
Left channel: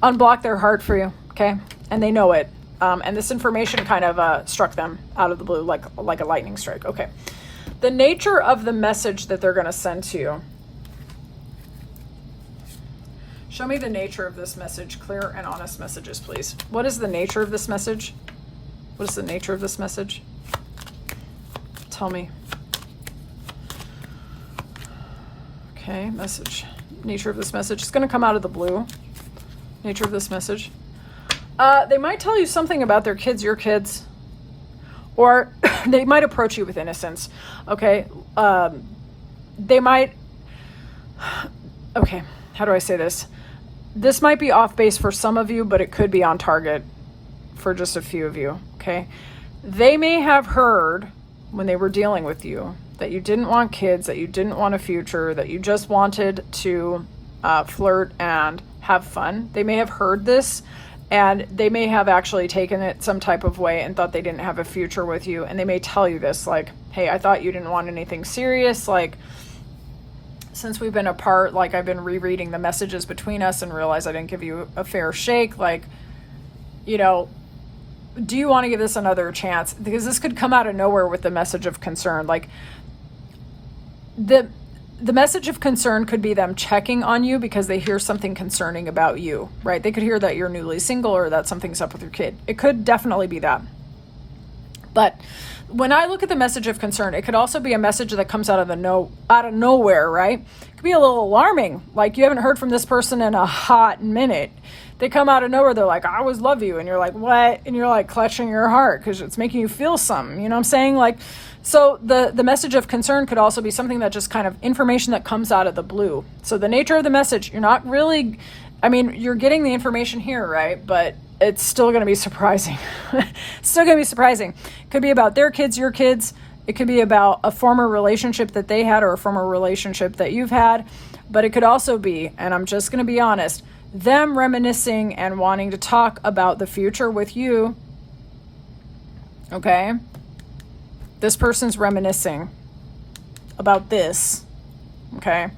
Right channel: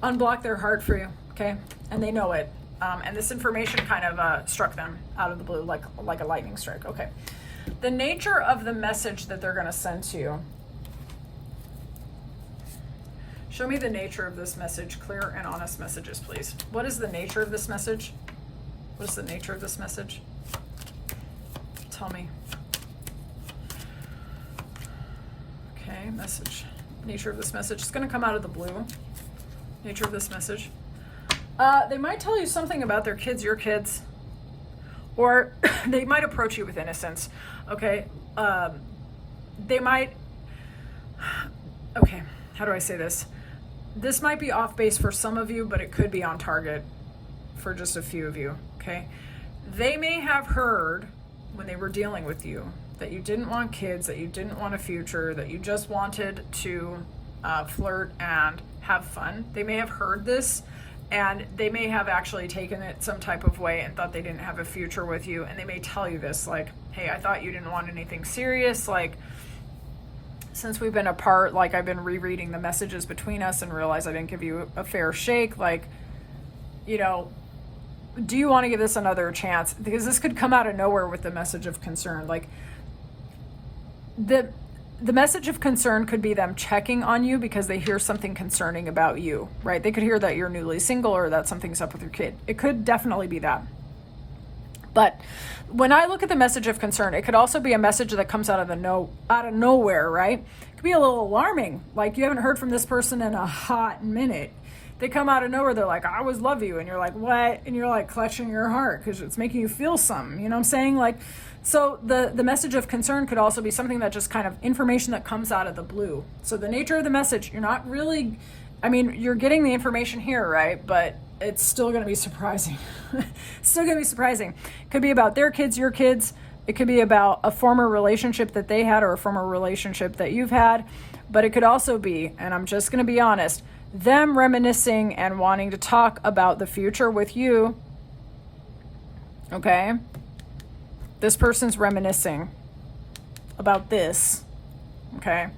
unblocked their heart for you, okay? And they know it. And this information kind of struck them out of the blue, like a lightning strike. Okay. The nature of the message that they're going to send to you. Show me the nature of this message. Clear and honest messages, please. What is the nature of this message? What is the nature of this message? Tell me. Okay, message. Nature of this message. It's going to come out of the blue. Nature of this message. They might tell you something about their kids, your kids, or they might approach you with innocence. Okay. They might, okay, how do I say this? This might be off base for some of you, but it could be on target for just a few of you. Okay. They may have heard when they were dealing with you that you didn't want kids, that you didn't want a future, that you just wanted to flirt and have fun. They may have heard this, and they may have actually taken it some type of way and thought they didn't have a future with you. And they may tell you this, like, hey, I thought you didn't want anything serious. Like, since we've been apart, like, I've been rereading the messages between us and realized I didn't give you a fair shake. Like, you know, do you want to give this another chance? Because this could come out of nowhere with the message of concern. Like, the message of concern could be them checking on you because they hear something concerning about you, right? They could hear that you're newly single or that something's up with your kid. It could definitely be that. But when I look at the message of concern, it could also be a message that comes out of nowhere, right? It could be a little alarming. Like, you haven't heard from this person in a hot minute. They come out of nowhere. They're like, I always love you. And you're like, what? And you're like clutching your heart because it's making you feel something. You know what I'm saying? Like, so the message of concern could also be something that just kind of information that comes out of the blue. So the nature of the message, you're not really, I mean, you're getting the information here, right? But it's still going to be surprising. Still going to be surprising. It could be about their kids, your kids. It could be about a former relationship that they had or a former relationship that you've had. But it could also be, and I'm just going to be honest, them reminiscing and wanting to talk about the future with you. Okay? This person's reminiscing about this. Okay?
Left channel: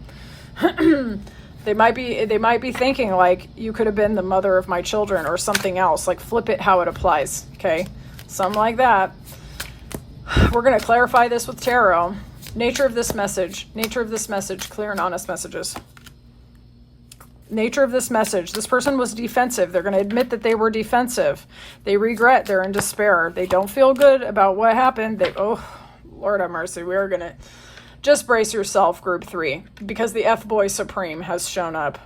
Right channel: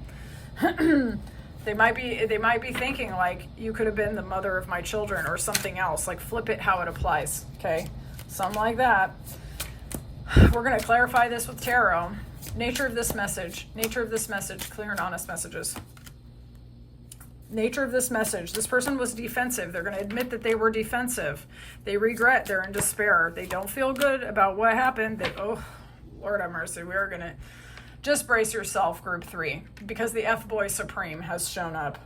They might be thinking like, you could have been the mother of my children or something else. Like, flip it how it applies. Okay? Something like that. We're going to clarify this with tarot. Nature of this message. Nature of this message. Clear and honest messages. Nature of this message. This person was defensive. They're going to admit that they were defensive. They regret. They're in despair. They don't feel good about what happened. Oh, Lord have mercy. We are going to just brace yourself, group 3, because the F-Boy Supreme has shown up.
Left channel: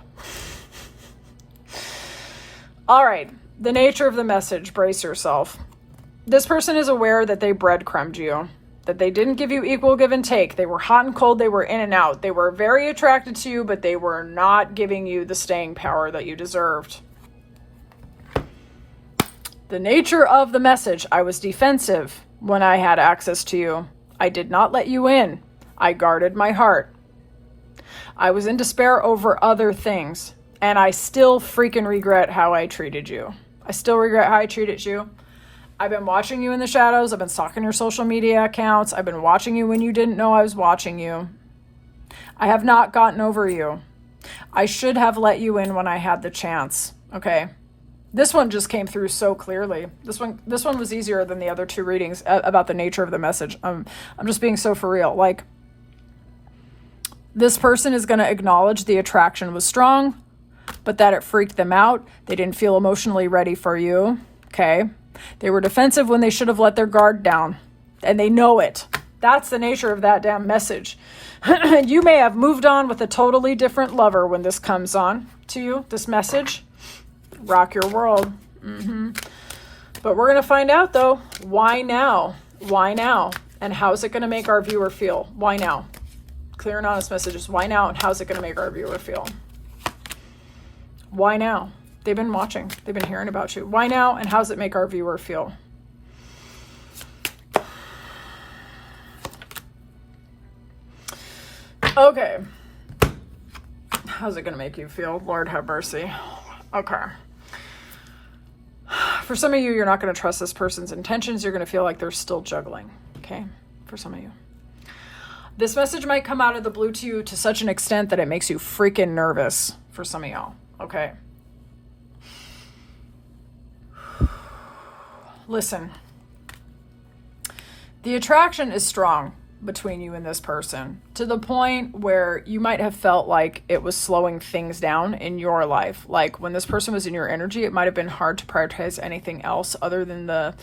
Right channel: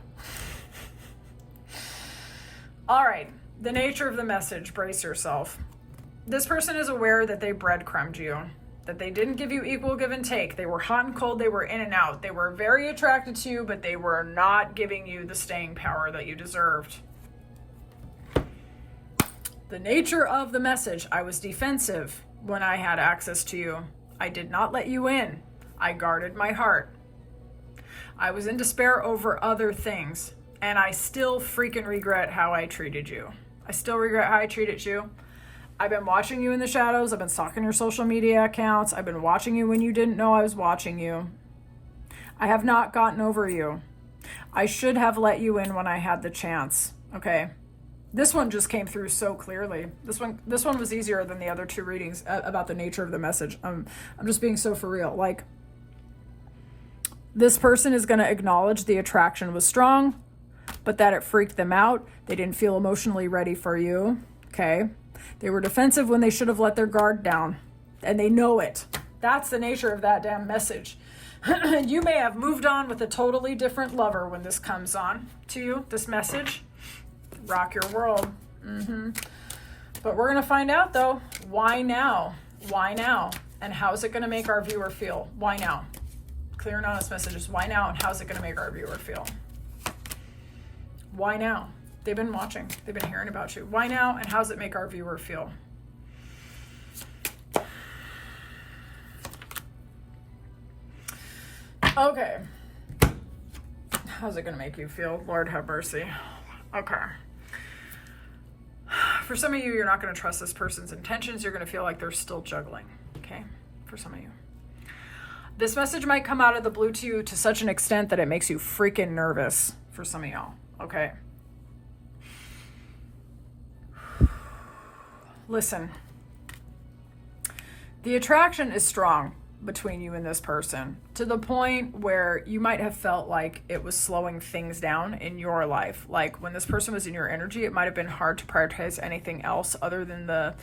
All right. The nature of the message. Brace yourself. This person is aware that they breadcrumbed you, that they didn't give you equal give and take. They were hot and cold. They were in and out. They were very attracted to you, but they were not giving you the staying power that you deserved. The nature of the message. I was defensive when I had access to you. I did not let you in. I guarded my heart. I was in despair over other things, and I still freaking regret how I treated you. I still regret how I treated you. I've been watching you in the shadows. I've been stalking your social media accounts. I've been watching you when you didn't know I was watching you. I have not gotten over you. I should have let you in when I had the chance. Okay. This one just came through so clearly. This one was easier than the other 2 readings about the nature of the message. I'm just being so for real. Like, this person is going to acknowledge the attraction was strong, but that it freaked them out. They didn't feel emotionally ready for you. Okay. They were defensive when they should have let their guard down, and they know it. That's the nature of that damn message. You may have moved on with a totally different lover when this comes on to you, this message. Rock your world. But we're going to find out, though, why now? Why now? And how's it going to make our viewer feel? Why now? Clear and honest messages. Why now? And how's it going to make our viewer feel? Why now? They've been watching. They've been hearing about you. Why now? And how's it make our viewer feel? Okay. How's it going to make you feel? Lord have mercy. Okay. For some of you, you're not going to trust this person's intentions. You're going to feel like they're still juggling. Okay. For some of you. This message might come out of the blue to you to such an extent that it makes you freaking nervous for some of y'all. Okay. Listen. The attraction is strong between you and this person to the point where you might have felt like it was slowing things down in your life. Like when this person was in your energy, it might have been hard to prioritize anything else other than the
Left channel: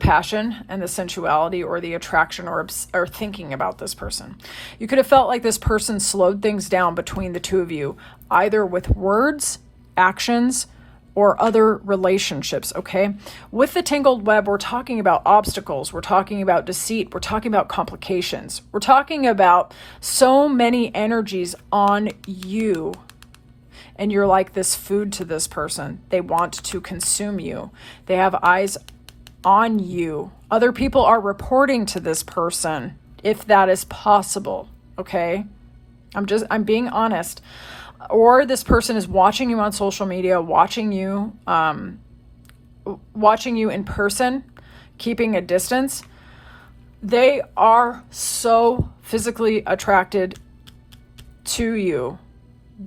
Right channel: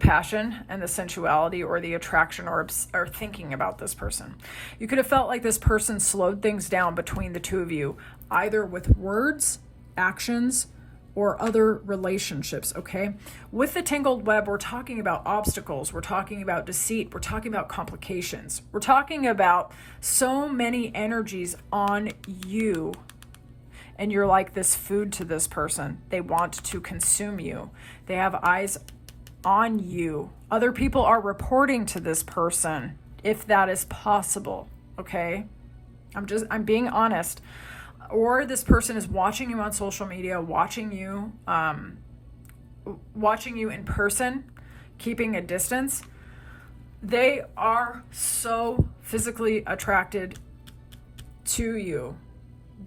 passion and the sensuality or the attraction or thinking about this person. You could have felt like this person slowed things down between the two of you, either with words, actions, or other relationships, okay? With the tangled web, we're talking about obstacles. We're talking about deceit. We're talking about complications. We're talking about so many energies on you. And you're like this food to this person. They want to consume you. They have eyes on you. Other people are reporting to this person, if that is possible, okay? I'm being honest. Or this person is watching you on social media, watching you in person, keeping a distance. They are so physically attracted to you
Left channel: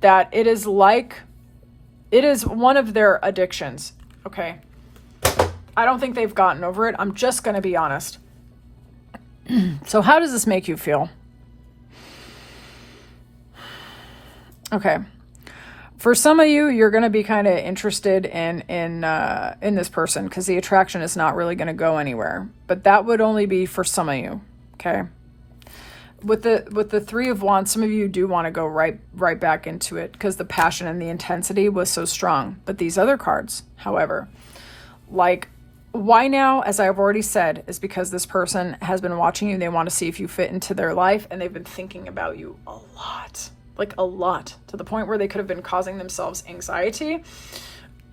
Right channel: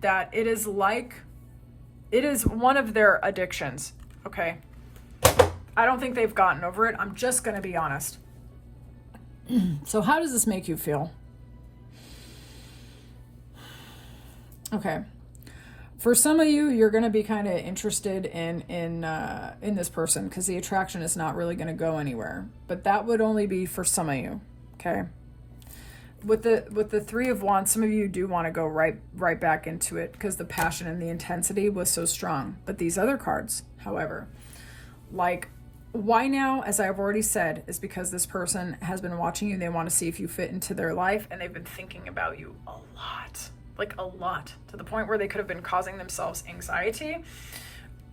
that it is one of their addictions, okay? I don't think they've gotten over it. I'm just going to be honest. So how does this make you feel? Okay. For some of you, you're going to be kind of interested in this person because the attraction is not really going to go anywhere. But that would only be for some of you. Okay. With the Three of Wands, some of you do want to go right back into it because the passion and the intensity was so strong. But these other cards, however, like why now, as I've already said, is because this person has been watching you. They want to see if you fit into their life, and they've been thinking about you a lot. Like a lot, to the point where they could have been causing themselves anxiety.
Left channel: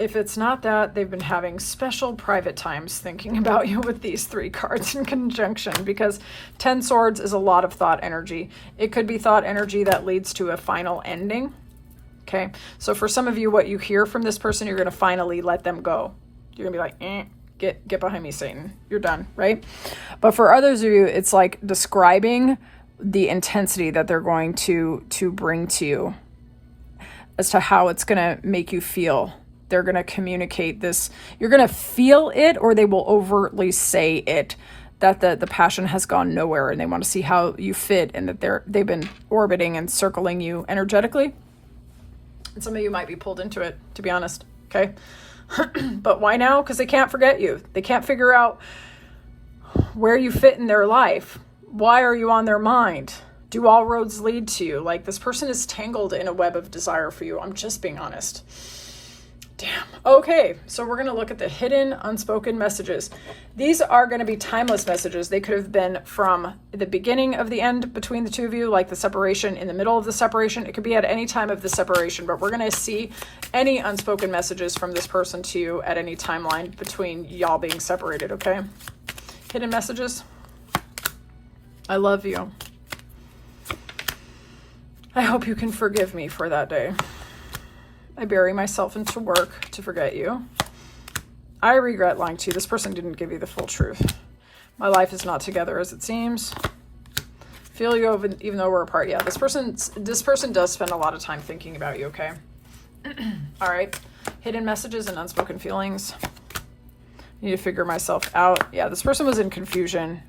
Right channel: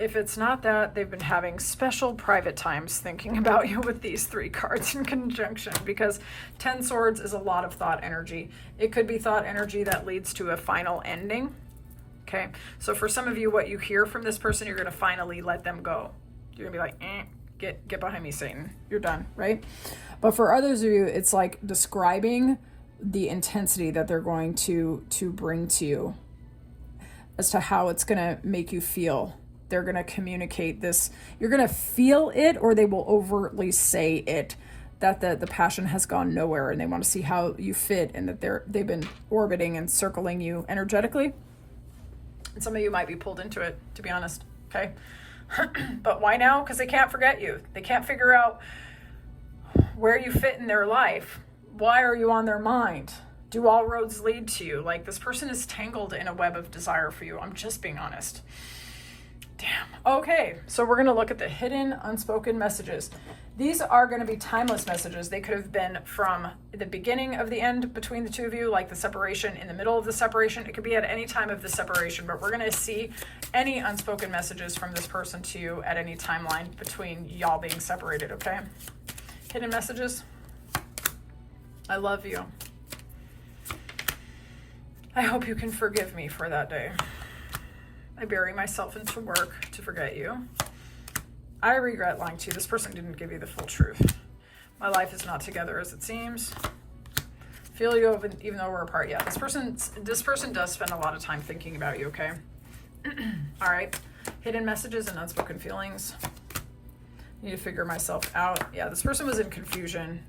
If it's not that, they've been having special private times thinking about you with these three cards in conjunction, because 10 Swords is a lot of thought energy. It could be thought energy that leads to a final ending. Okay, so for some of you, what you hear from this person, you're going to finally let them go. You're going to be like, get behind me, Satan. You're done, right? But for others of you, it's like describing the intensity that they're going to bring to you as to how it's going to make you feel. They're going to communicate this. You're going to feel it, or they will overtly say it, that the passion has gone nowhere and they want to see how you fit, and that they've been orbiting and circling you energetically. And some of you might be pulled into it, to be honest. Okay. But why now? Because they can't forget you. They can't figure out where you fit in their life. Why are you on their mind? Do all roads lead to you? Like, this person is tangled in a web of desire for you. I'm just being honest. Damn. Okay, so we're going to look at the hidden unspoken messages. These are going to be timeless messages. They could have been from the beginning of the end between the two of you, like the separation, in the middle of the separation. It could be at any time of the separation, but we're going to see any unspoken messages from this person to you at any timeline between y'all being separated, okay? Hidden messages. I love you. I hope you can forgive me for that day. I bury myself into work to forget you. I regret lying to you. This person didn't give you the full truth. My life is not together as it seems. Feel you even though we're apart. Yeah, this person does spend a lot of time thinking about you, okay? All right. Hidden messages and unspoken feelings. Need to figure myself out. Yeah, this person was in confusion.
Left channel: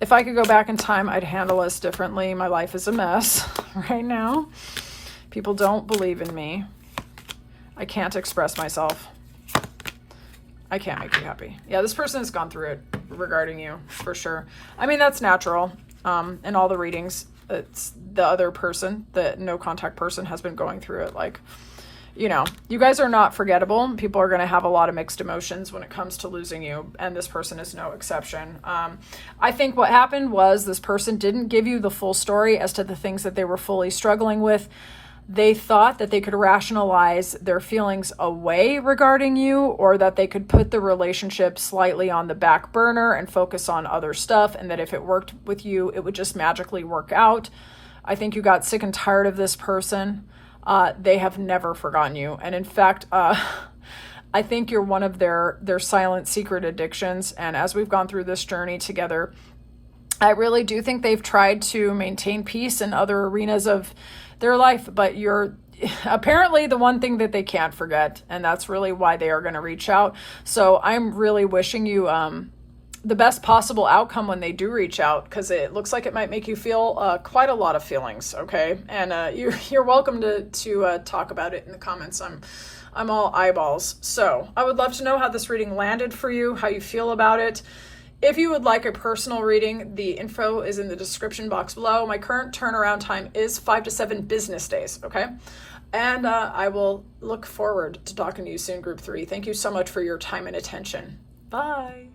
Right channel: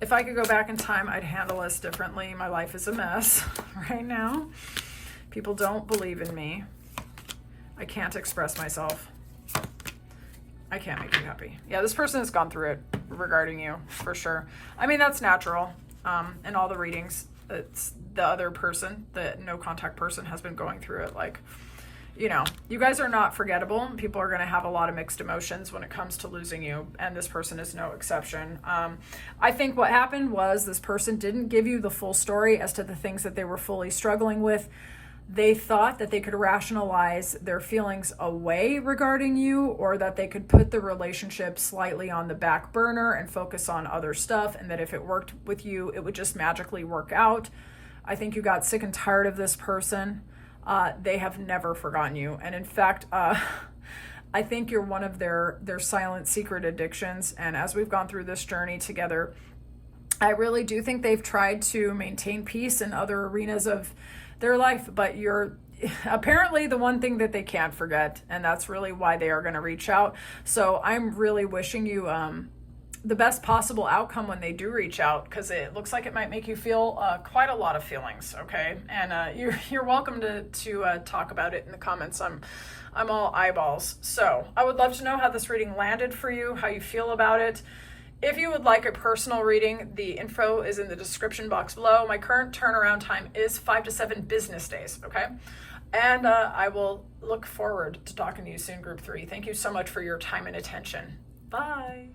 If I could go back in time, I'd handle this differently. My life is a mess right now. People don't believe in me. I can't express myself. I can't make you happy. Yeah, this person has gone through it regarding you, for sure. I mean, that's natural. In all the readings, it's the other person, the no contact person, has been going through it. Like, you know, you guys are not forgettable. People are going to have a lot of mixed emotions when it comes to losing you, and this person is no exception. I think what happened was this person didn't give you the full story as to the things that they were fully struggling with. They thought that they could rationalize their feelings away regarding you, or that they could put the relationship slightly on the back burner and focus on other stuff, and that if it worked with you, it would just magically work out. I think you got sick and tired of this person. they have never forgotten you. And in fact, I think you're one of their silent secret addictions. And as we've gone through this journey together, I really do think they've tried to maintain peace in other arenas of their life, but you're apparently the one thing that they can't forget, and that's really why they are going to reach out. So I'm really wishing you the best possible outcome when they do reach out, because it looks like it might make you feel quite a lot of feelings, okay? And you're welcome to talk about it in the comments. I'm all eyeballs. So I would love to know how this reading landed for you, how you feel about it. If you would like a personal reading, the info is in the description box below. My current turnaround time is 5 to 7 business days, okay? And I will look forward to talking to you soon, Group 3. Thank you so much for your time and attention. Bye.